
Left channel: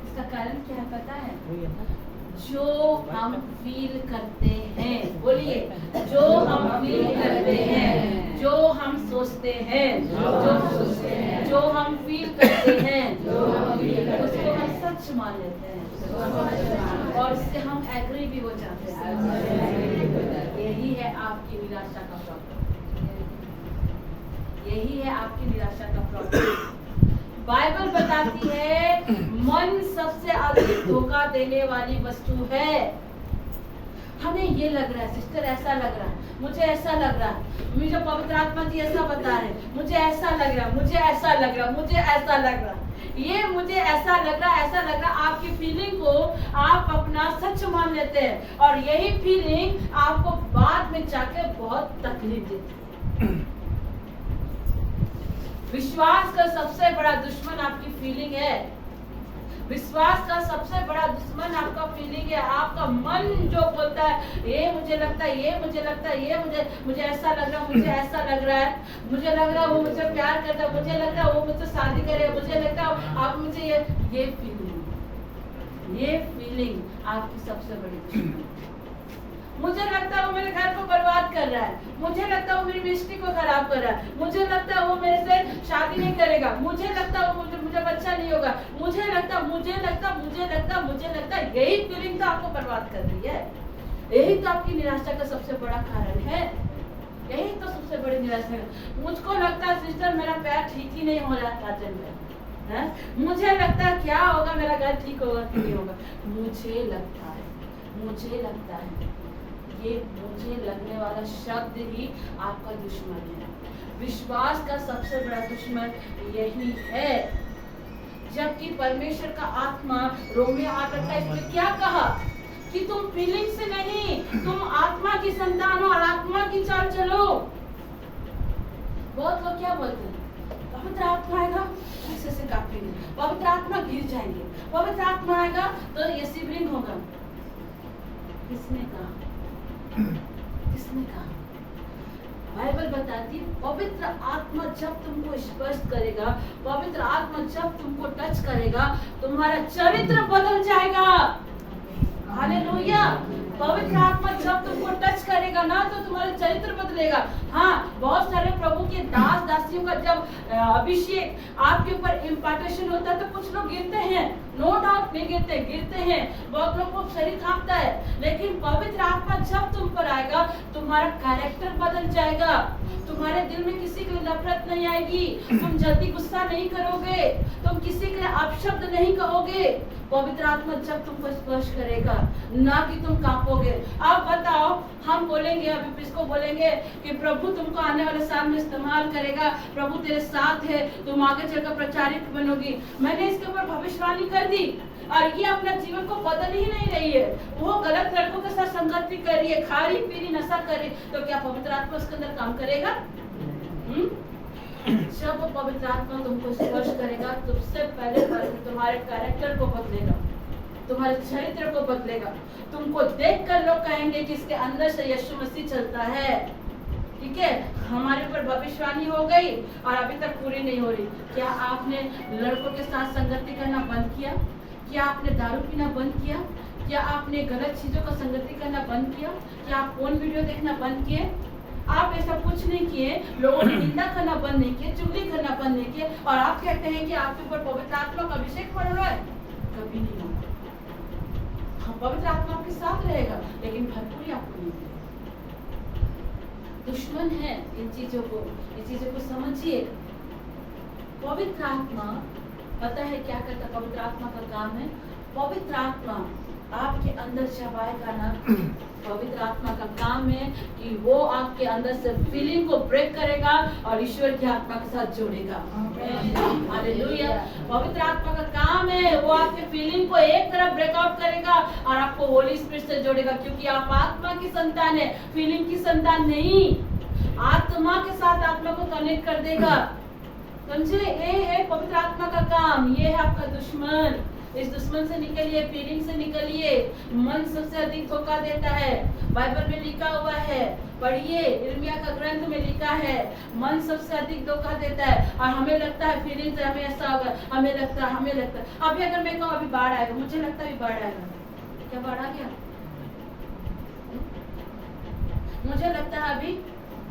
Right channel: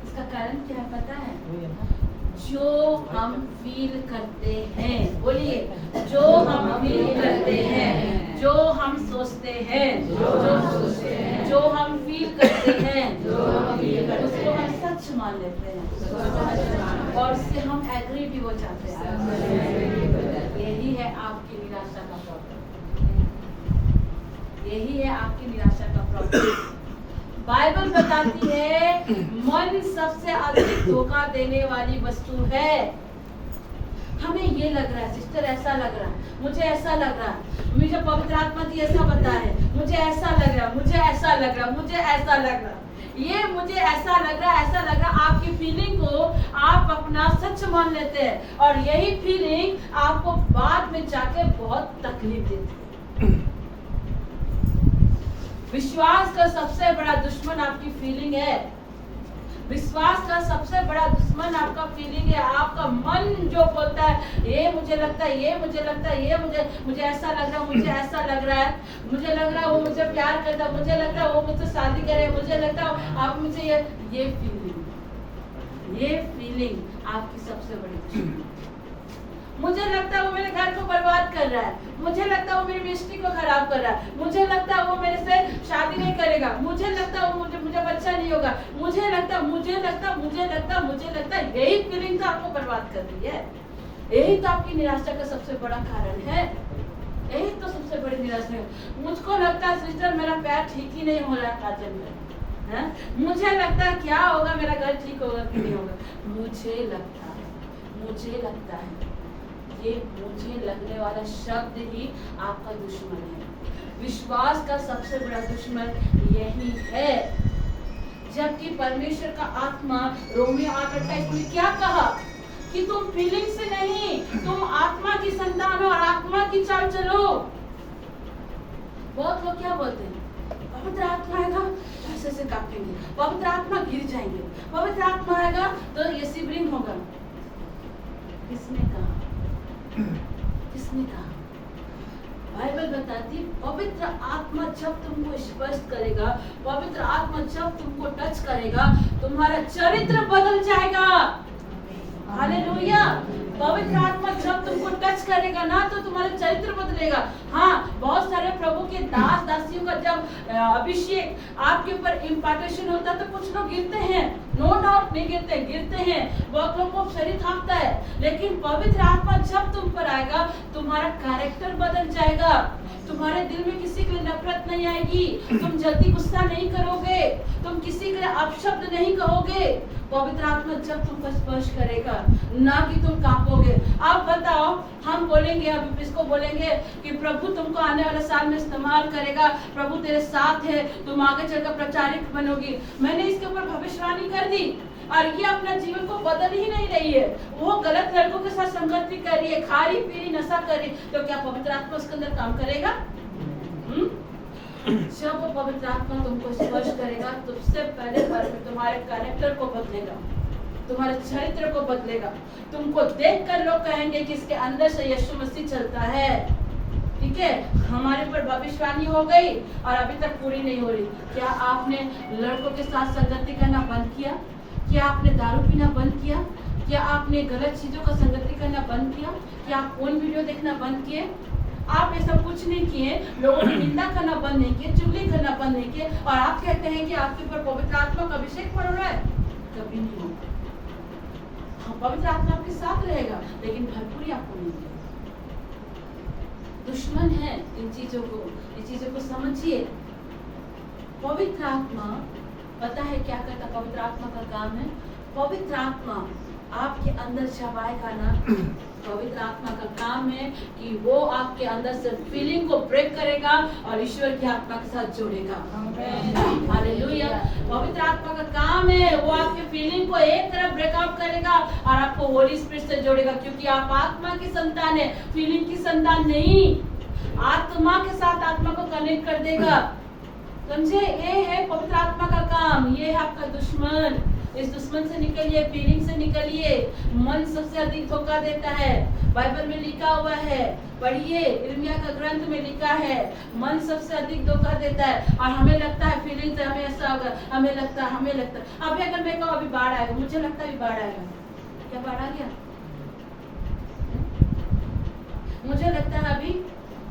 इसका कारण क्या है पता है? जो हम फील करते हैं, बोलिए, जो हम फील करते हैं, जो हम सोचते हैं, जो हम फील करते हैं, उसको हम सच मान लेते हैं और उससे हम एग्री भी हो जाते हैं। यही है आपकी निराशा का प्रॉब्लम, यही है आपकी निराशा का प्रॉब्लम। बाइबल बताती है मन सबसे अधिक धोखा देने वाली वस्तु है। हमें ये लग रहा है सिस्टर, ऐसा लग रहा है, मुझे ऐसा लग रहा है, मुझे पवित्र आत्मा जी ऐसा बता रहे, मुझे ऐसा लग रहा, मुझे ऐसा लग रहा, मुझे ऐसा लग रहा, ये मुझे ऐसा लग रहा, ऐसा लग रहा। आपकी फीलिंग को आप अपना सच मान लेते हैं और यही फीलिंग आपको बाद में जाकर बहुत तकलीफ देती है। विश्वास का सबसे बड़ा दुश्मन आपकी फीलिंग है। विश्वास का सबसे बड़ा दुश्मन आपका फीलिंग है। आपका मन जो बोलता है ये मुझे लगता है, ये मुझे लगता है, ये मुझे ऐसा लग रहा है, मुझे ऐसा लग रहा है, मुझे लग रहा है वो मुझे प्यार करता है, मुझे लगता है वो मुझसे शादी करे, मुझे लगता है आप मुझे ये फीलिंग आपकी सबसे बड़ी दुश्मन। मुझे लगता है वो मेरे घर को बर्बाद कर रहा है, मुझे लगता है वो मेरी मिस्टी को खराब कर रहा है, मुझे लगता है वो मेरे से शादी नहीं करेगा, मुझे लगता है वो मुझे बच्चा नहीं होगा, मुझे लगता, यही फीलिंग तो आपको बर्बाद कर रही है। यही तो आपकी निराशा का सबसे बड़ा कारण है। यही तो सबसे बड़ी निराशा है। मुझको लगता है सिस्टर मेरा पैर ठीक ही नहीं हो रहा है काजल में, मुझे लगता है क्या होगा, मेरा घर ठीक होगा कि नहीं होगा, मुझे लगता है ये मुझे लगने वाला शब्द ही आपका दुश्मन है। विश्वास का सबसे बड़ा दुश्मन यही है। जबकि परमेश्वर का आत्मा रोमियो 8:28 में क्या कहा कि तुम फीलिंग से नहीं, तुम आत्मा की संतान हो और आत्मा की चाल चलो। बहुत लोग क्या बोलते हैं, पवित्र आत्मा आएगा ऐसे से कांपेंगे, पवित्र आत्मा गिर जाएंगे, पवित्र आत्मा आएगा तो ये शिवरिंग होगा। किसने कहा? किसने कहा? बाइबल बताती पवित्र आत्मा जब तुमको स्पर्श करेगा, पवित्र आत्मा जब तुमको टच करेगा, तुम्हारा चरित्र बदल जाएगा। हालेलुया। पवित्र आत्मा जब तुमको टच करेगा ना तो तुम्हारा चरित्र बदलेगा। हाँ, बहुत सारे प्रभु के दास दासियों का जब अभिषेक आपके ऊपर इम्पार्टेशन होता है तो कुछ लोग गिरते हैं, नो डाउट नहीं गिरते हैं, बहुत लोग को शरीर कांपता है, लेकिन पवित्र आत्मा जब तुम पर आएगा तुम्हारा कैरेक्टर बदल जाएगा। तुम्हारे दिल में किसी के लिए नफरत नहीं आएगी, तुम जल्दी गुस्सा नहीं करोगे, तुम किसी के लिए अपशब्द नहीं कहोगे। पवित्र आत्मा जब तुमको स्पर्श करेगा ना कि तुम कांपोगे। अब बताओ, हम बोलेंगे, अभी इसको बोलेंगे कि प्रभु तुमको आने वाले साल में इस्तेमाल करेगा, प्रभु तेरे साथ है, तुम आगे चलकर प्रचारित बनोगी। मैंने इसके ऊपर भविष्यवाणी कर दी और ये अपना जीवन को बदल ही नहीं रही है, वो गलत लड़कों के साथ संगति कर रही है, खा रही पी रही नशा कर रही, तो क्या पवित्र आत्मा उसके अंदर काम करेगा? जब वो पवित्र आत्मा तुमको स्पर्श करेगा तो सबसे पहले तुम्हारे कैरेक्टर को बदलेगा, तुम्हारे चरित्र को बदलेगा। तुमको देखकर लोग कहेंगे कि इसके अंदर से यीशु मसीह चलता है। ठीक है, हमारे पर भविष्यवाणी हो गई और अभी तक पूरी नहीं हो रही। क्या आपने लड़कों के साथ संगति करना बंद किया? क्या आपने दारू पीना बंद किया? क्या आपने गलत चीजों का संगति करना बंद किया? क्या आप फोन वीडियो देखना बंद किए? आप ऐसा कुछ नहीं किए, लोगों की निंदा करना बंद नहीं किए, चुगली करना बंद नहीं किए, और आप कहते हैं कि आपके ऊपर पवित्र आत्मा का अभिषेक पड़ रहा है। कभी नहीं होगा। हाँ, पवित्र आत्मा आपके साथ रहेगा लेकिन भरपूरी आपको नहीं मिलेगी। दुश्मन है इन चीजों को समझिए। पवित्र आत्मा पता है क्या करता? पवित्र आत्मा का काम है, पवित्र आत्मा आपके अंदर जब आएगा ना, पवित्र आत्मा का काम है कि वो आपके अंदर से फीलिंग को ब्रेक करेगा और ईश्वर की आत्मा के साथ जोड़ेगा। हालेलुया। पवित्र आत्मा का काम है वो आपके फीलिंग को एक तरफ ब्रेकआउट करेगा और आपको होली स्पिरिट से जोड़ेगा, क्योंकि आप आत्मा की संतान है, फीलिंग की संतान नहीं। आत्मा के साथ आत्मा को कनेक्ट कर देगा, समझे? ये है पवित्र आत्मा का काम। ये है आपका दुश्मन। इस दुश्मन से निकलिए, फीलिंग से निकलिए। मन सबसे अधिक धोखा देता है, बाइबल में लिखा हुआ है, पढ़िए, यिर्मयाह का ग्रंथ में लिखा है, मन सबसे अधिक धोखा देता है। और हमें लगता है फीलिंग से हमें ऐसा होगा, हमें लगता है। अभी अगर मैं कहूँ अभी बाढ़ आएगा, मुझे लगता है अभी बाढ़ आएगा, क्या बाढ़ आ गया? मुझे लगता है अभी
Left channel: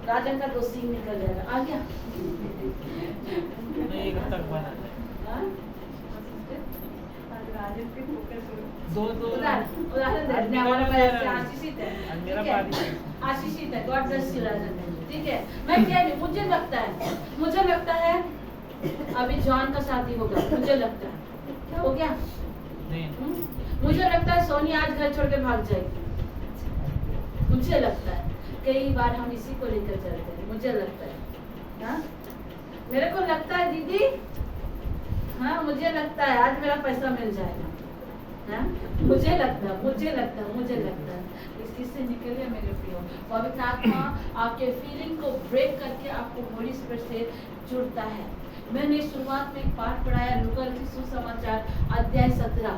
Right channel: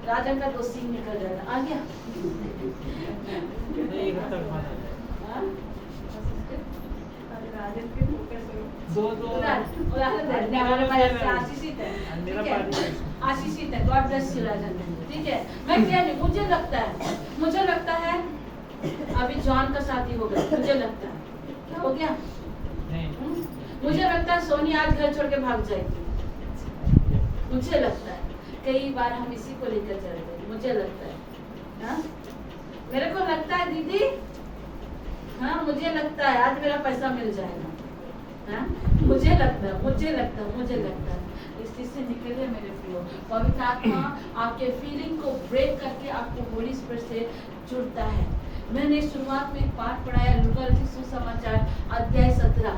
राजन का 2 सींग निकल जाएगा, आ गया? आशीषित है, गॉड ब्लेस यू राजन। ठीक है, मैं कह रही, मुझे लगता है अभी जॉन का शादी होगा, मुझे लगता है। क्या हो गया? मुझे लगता है सोनी आज घर छोड़ के भाग जाएगी, मुझे लगता है। कई बार हम इसी को लेकर चलते हैं, मुझे लगता है। हाँ, मेरे को लगता है दीदी, हाँ मुझे लगता है आज मेरा पैसा मिल जाएगा। हाँ? मुझे लगता है। इस चीज से निकलिए मेरे प्रियो। पवित्र आत्मा आपके फीलिंग को ब्रेक करके आपको होली स्पिरिट से जुड़ता है। मैंने शुरुआत में एक पाठ पढ़ाया, लूका रचित सुसमाचार अध्याय 17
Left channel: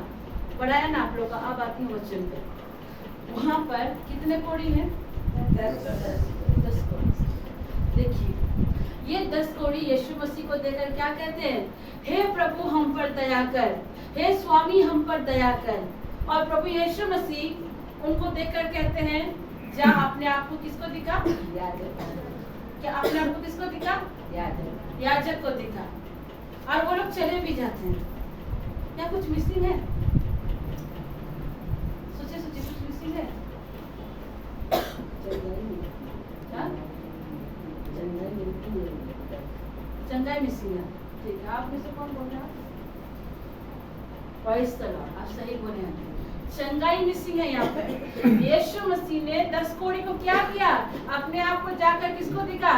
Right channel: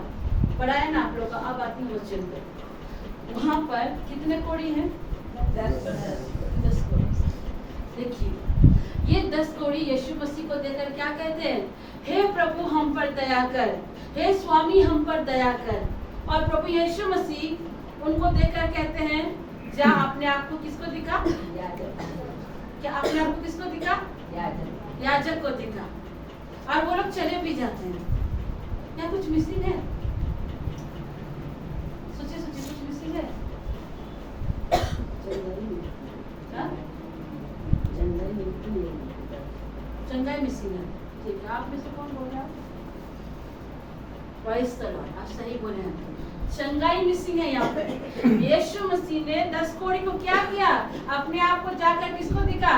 पढ़ाया ना आप लोग का। अब आती हूँ वचन पे। वहाँ पर कितने कोड़ी हैं? 10 कोड़ी। देखिए, ये 10 कोड़ी यीशु मसीह को देकर क्या कहते हैं? हे प्रभु हम पर दया कर, हे स्वामी हम पर दया कर। और प्रभु यीशु मसीह उनको देखकर कहते हैं, जा अपने आप को किसको दिखा? क्या अपने आप को किसको दिखा? याजक को दिखा। और वो लोग चले भी जाते हैं। क्या कुछ मिसिंग है? सोचिए कुछ मिसिंग है? चंगाई मिसिंग है। ठीक है, आप में से कौन बोल रहा है? प्रेज़ द लॉर्ड, आप सही बोले हैं। चंगाई मिसिंग है यहाँ पे। यीशु मसीह ने 10 कोड़ी को क्या किया? अपने आप को जाकर किसको दिखा?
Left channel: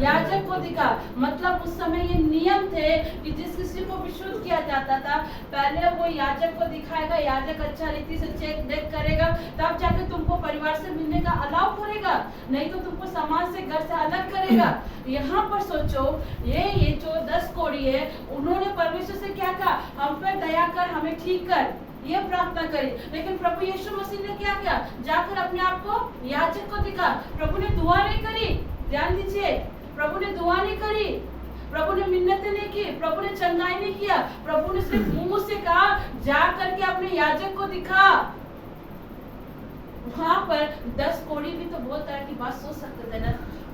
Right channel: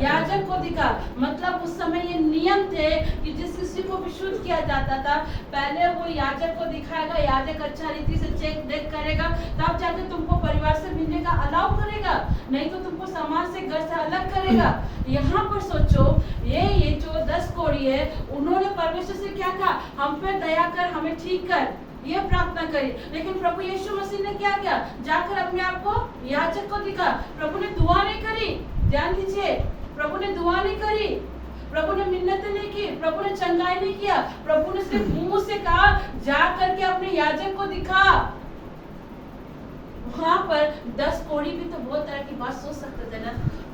याजक को दिखा। मतलब उस समय ये नियम थे कि जिस किसी को भी शुद्ध किया जाता था, पहले वो याजक को दिखाएगा, याजक अच्छा रीति से चेक देख करेगा, तब जाकर तुमको परिवार से मिलने का अलाउ करेगा, नहीं तो तुमको समाज से, घर से अलग करेगा। यहाँ पर सोचो, ये जो 10 कोड़ी है, उन्होंने परमेश्वर से क्या कहा? हम पर दया कर, हमें ठीक कर, ये प्रार्थना करी। लेकिन प्रभु यीशु मसीह ने क्या किया? जाकर अपने आप को याजक को दिखा। प्रभु ने दुआ नहीं करी, ध्यान दीजिए, प्रभु ने दुआ नहीं करी, प्रभु ने मिन्नतें नहीं की, प्रभु ने चंगाई नहीं किया। प्रभु ने सिर्फ मुंह से कहा, जा करके अपने याजक को दिखा। वहाँ पर 10 कोड़ी भी तो बहुत तरह की बात सोच सकते थे ना।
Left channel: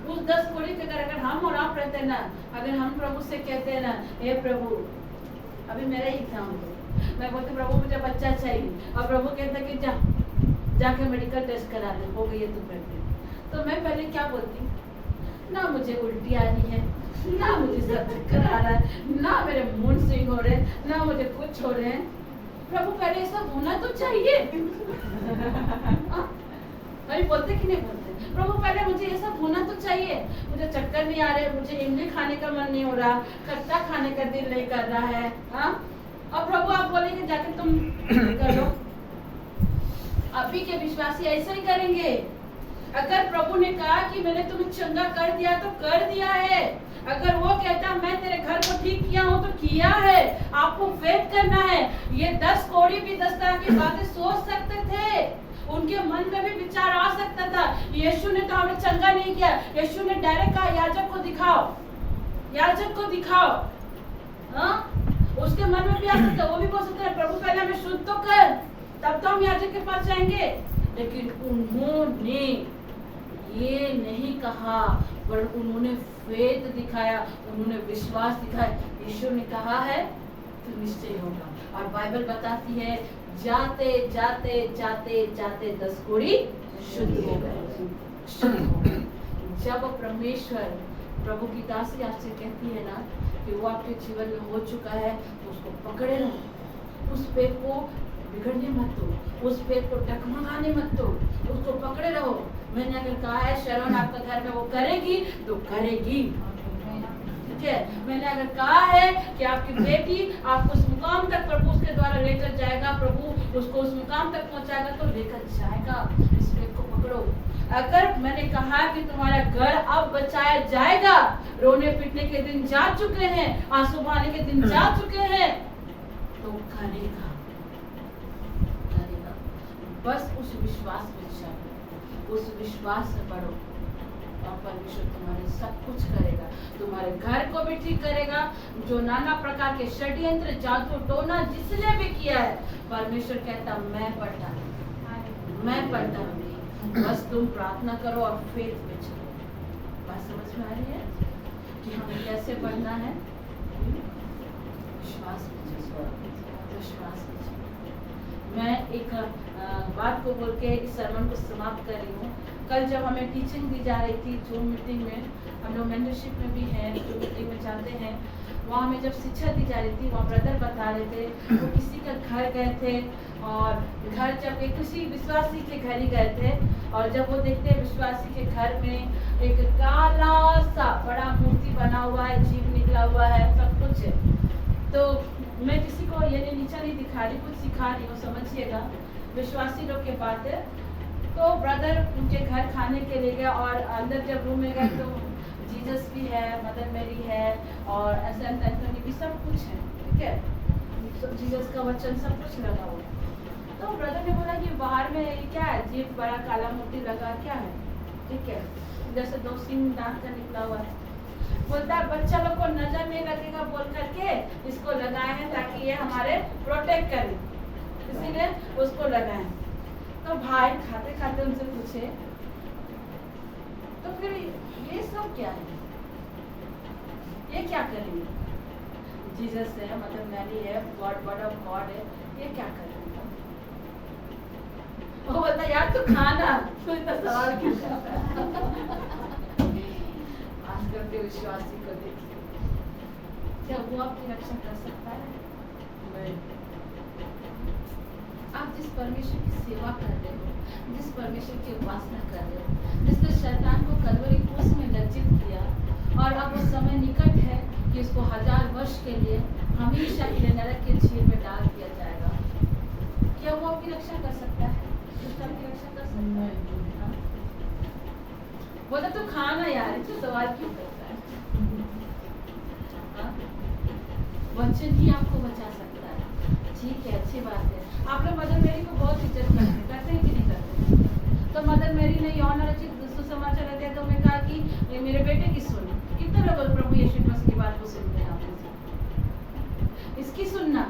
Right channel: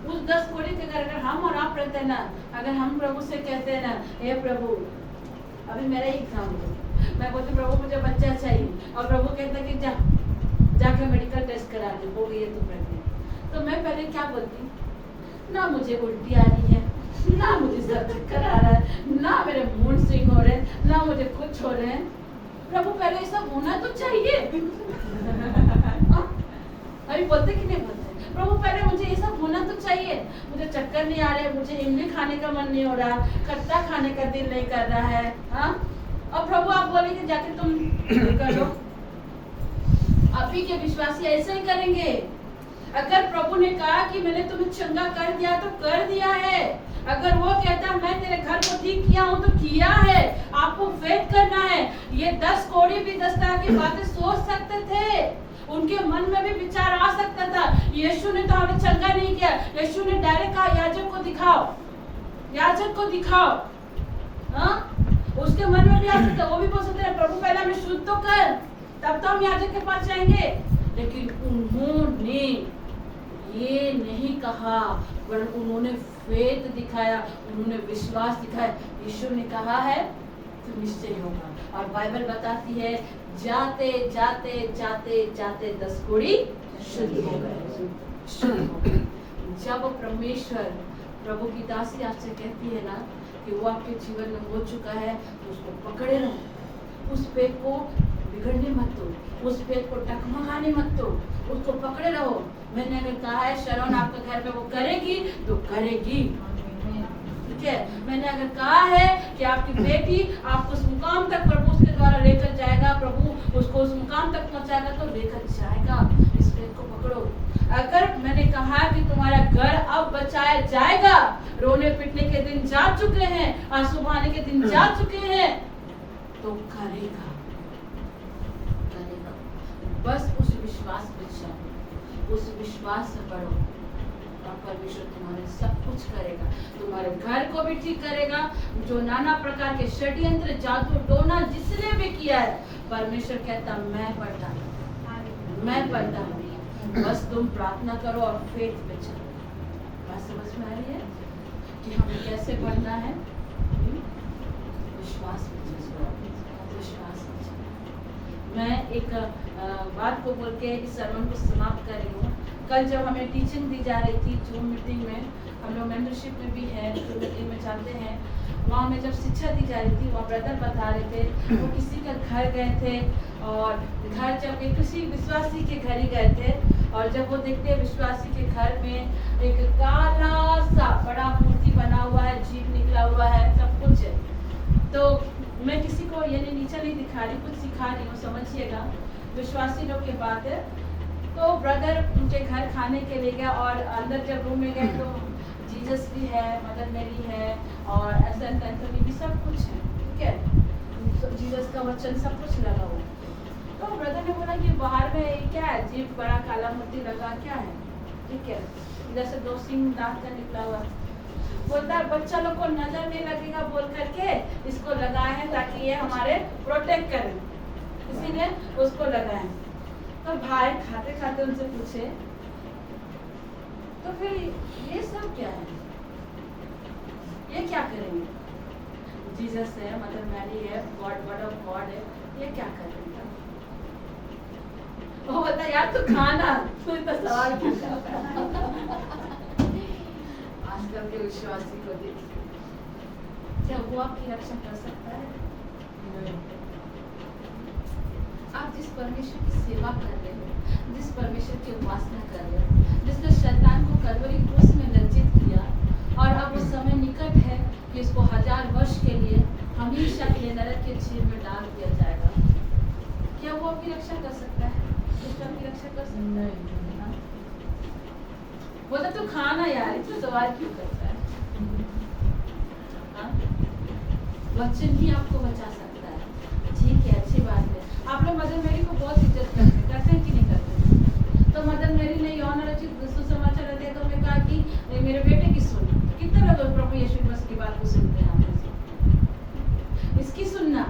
उस 10 कोड़ी के अगर हम और आप रहते ना, अगर हम प्रभु से कहते हैं ना, हे प्रभु, अभी मेरा ही एग्जाम्पल, मैं बोलती प्रभु मुझे बच्चा चाहिए, और प्रभु कहता कि जाके मेडिकल टेस्ट करा दे, हो गई है तुम प्रेग्नेंट। तो मैं पहले क्या बोलती, ना मुझे उल्टी आ रही है, ना मुझे सर चक्कर आ रहा है, ना मेरे मूड स्विंग हो रहे हैं, ना मुझे कुछ हो रहे हैं। प्रभु पहले ये सब होना तो चाहिए। अभी बोलते कि नहीं बोलते, प्रभु पहले मुझे ये सब होना तो चाहिए। मुझे चक्कर नहीं आ रहे, मुझे इमली खाने का मन नहीं हो रहा, खट्टा खाने का दिल नहीं कर रहा है, हाँ? और प्रभु आप बोलेंगे जाके तुम कर लो। अभी के विश्वासी ऐसे ही करेंगे। अगर प्रभु ने कहा कि मैंने तुम्हें चंगा कर दिया तो कर दिया है। अगर वो कहता मैं तेरे घर को ठीक किया हूँ तो किया है। आपको फेथ करना है। ये 10 कोड़ी भी 10 तरह की बातें सोच सकते थे, उनके मन में भी विचार आ सकता था। यीशु ने तो हमें चंगा नहीं किया, यीशु ने डायरेक्ट कहा याजक को दिखाओ, याजक को दिखाओ, हाँ? उसके मन में भी आ सकता, वो भी बोल सकते प्रभु पहले हमें शुद्ध तो कर, तब तो हम याजक के पास जाएंगे। लेकिन उन्होंने ये नहीं कहा, पर उन्होंने फेथ दिखाया, उन्होंने विश्वास दिखाया। यीशु ने कहा है तो निश्चय होगा। और बाइबल बताती है जाते जाते जाते जाते 10 कोड़ी शुद्ध हो गए, शुद्ध हो गए। जब परमेश्वर प्रभु की दासी आपसे कहती है ना कि वो आपके जीवन में हो चुका है, तो उसको पकड़े रहो, उस पेड़ को बिगड़ने मत दो, उस पेड़ को टकमगाने मत दो, उसको पकड़े रहो। मैंने अगर कहा है शरण आपके घर में वो करेगी तो करेगी, ठीक है? मैंने अगर कहा है कि आपकी बेटी आपको उस मुकाम तक प्रभु उसके द्वारा लेकर जाएगा, प्रभु उसको उस मुकाम तक पहुंचाएगा तो लेकर जाएगा। इस पेड़ को पकड़ो। अगर मैंने कहा कि तुम्हारा घर अब बचाया जाएगा, रोने पीटने के दिन जा चुके हैं, आंसू बहाने के दिन जा चुके हैं, तो करेगा, करेगा। बस उस विश्वास में चलो, उस विश्वास से पढ़ो, और परमेश्वर तुम्हारे सब कुछ करेगा। तुम्हारे घर को भी ठीक करेगा। जो नाना प्रकार के षड्यंत्र, जादू टोना जिसने भी किया है, परमेश्वर कहता मैं पढ़ता हूँ, मैं पढ़ता हूँ। बस तुम प्रार्थना करो और फेथ में चलो। बात समझ में आ रही है कि हमें कैसे पढ़ना है? विश्वास में चलो, विश्वास में चलो। मैं एक बात को बोल के इस सर्मन को समाप्त कर रही हूँ। कल जब हमें टीचिंग दी जा रही थी जूम मीटिंग में, हम लोग मेंटरशिप में भी हैं, जूम मीटिंग में जानते हैं, वहाँ हमें जब शिक्षा दी जा रही थी, वहाँ ब्रदर बता रहे थे वो किसी का घर गए थे, और घर जब एक किसी विश्वासी के घर ही गए थे, और जब वो देखते हैं विश्वासी के घर में एक काला सा बड़ा मूर्ति बना हुआ है, जीभ निकला हुआ है, सब कुछ है। तो मैं किसी को ये नीचा नहीं दिखा रही, कुछ सिखा रही हूँ, समझिएगा। विश्वासी लोग की बात है। तो ब्रदर उनके घर खाने के लिए गया, और अंदर जब रूम में गए तो जीसस भी है, मदर मेरी है, और सेंट एंथोनी भी, सब कुछ है, ठीक है? तो जीसस का वचन सब कुछ लगा हुआ। तो ब्रदर ने बोला कि बाहर में ये क्या है, जीभ बड़ा काला मोती लगा क्या है, ठीक है? जैसे 2 सींग दांत का निकला हुआ। बोलता बच्चा लोग को नजर नहीं लगेगा बोल करके इसको लगाए हैं ताकि ये हमारे प्रोटेक्ट करें, इसीलिए उसको लगाए। तो भाई खाते खाते उनसे पूछे तो फिर ये सब क्या है, ये क्या करेंगे? जीसस है, मदर मैरी है, गॉड वर्ड ऑफ गॉड है, ये क्या करेंगे? वो बोलता यार तू खाना, तू इतना सवाल क्यों करता है? आजकल के विश्वासी को देखिए, क्या वो आपकी रक्षा कर सकता है? नहीं। आप जिस परमेश्वर की सेवा कर रहे हो, जिस परमेश्वर की उपासना कर रहे हो, जिसने शैतान को कलवरी क्रूस में लज्जित किया, और अब वो समय निकट है कि इसको 1000 वर्ष के लिए हमेशा के लिए नरक के झील में डाल दिया जाएगा, क्या वो आपकी रक्षा कर सकता है? दुष्टन की रक्षा कर सकता है? बोला तो खाना यार, इतना सवाल क्यों करता है? वचन ही आपको बचा सकता है, ठीक है, अच्छी बात है। आप लोग मदर मेरी को बहुत इज्जत करते हैं कि नहीं करते? तो मदर मेरी ने यौन रचित सुसमाचार दिया, तो मैं कहा कि मेरे बेटे की सुन। कितने लोग प्रभु यीशु मसीह की बात को सुनते हैं? इसकी सुनना,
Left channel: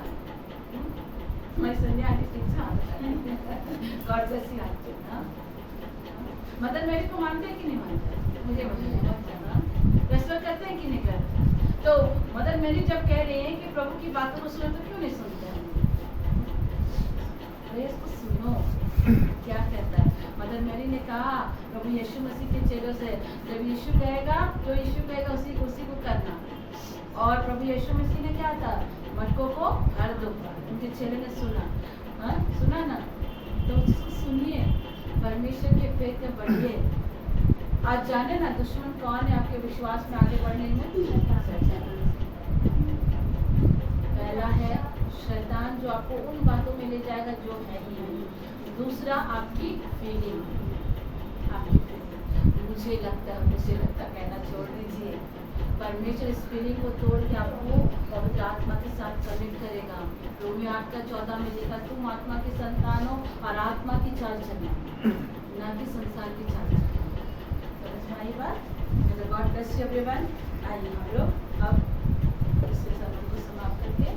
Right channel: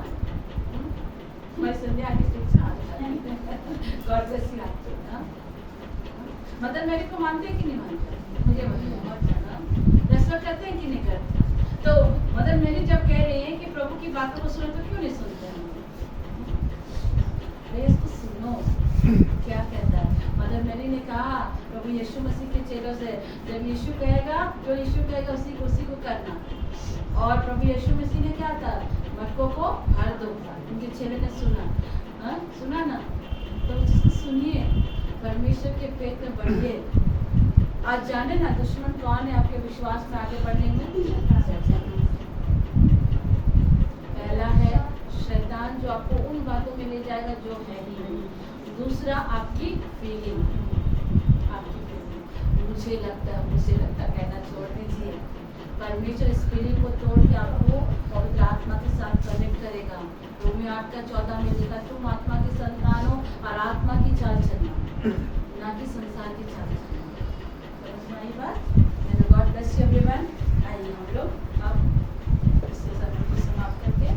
मैं संध्या की शिक्षा गॉड ब्लेस यू आपको ना। मदर मेरी को मानते हैं कि नहीं मानते? मुझे बताइए, रेस्पेक्ट करते हैं कि नहीं करते? तो मदर मेरी जब कह रहे हैं कि प्रभु की बातों को सुनो तो क्यों नहीं सुनते हैं? अरे इसको सुनो क्या कहता है। मदर मेरी ने कहा प्रभु यीशु मसीह के चेलों से, जब यीशु कहेगा जो यीशु कहेगा उसी को करना। और प्रभु यीशु मसीह ने क्या था, मटकों को भर दो, उनके चेले ने सुना, सुना ना, तो उसको सुनिए, परमेश्वर के पेट में बढ़िए। आज जाने ना दुश्मन कौन है आपके विश्वास में आगे बढ़ने में? पहला है शैतान जो आपको उन बातों में ले जाएगा जो है ही नहीं। दूसरा आपकी फीलिंग, मुझे लगता कहना छोड़ दीजिए। परमेश्वर इस फीलिंग को तोड़ के आपको पवित्र आत्मा के साथ कनेक्ट करेगा। रोमियो 8:14 में लिखा, तुम आत्मा के संतान हो और आत्मा की चाल चलना, ना कि संसार की चाल चलना। समझ में आई बात? God bless you everyone. आइए हम लोग अब इस सेशन को समाप्त करके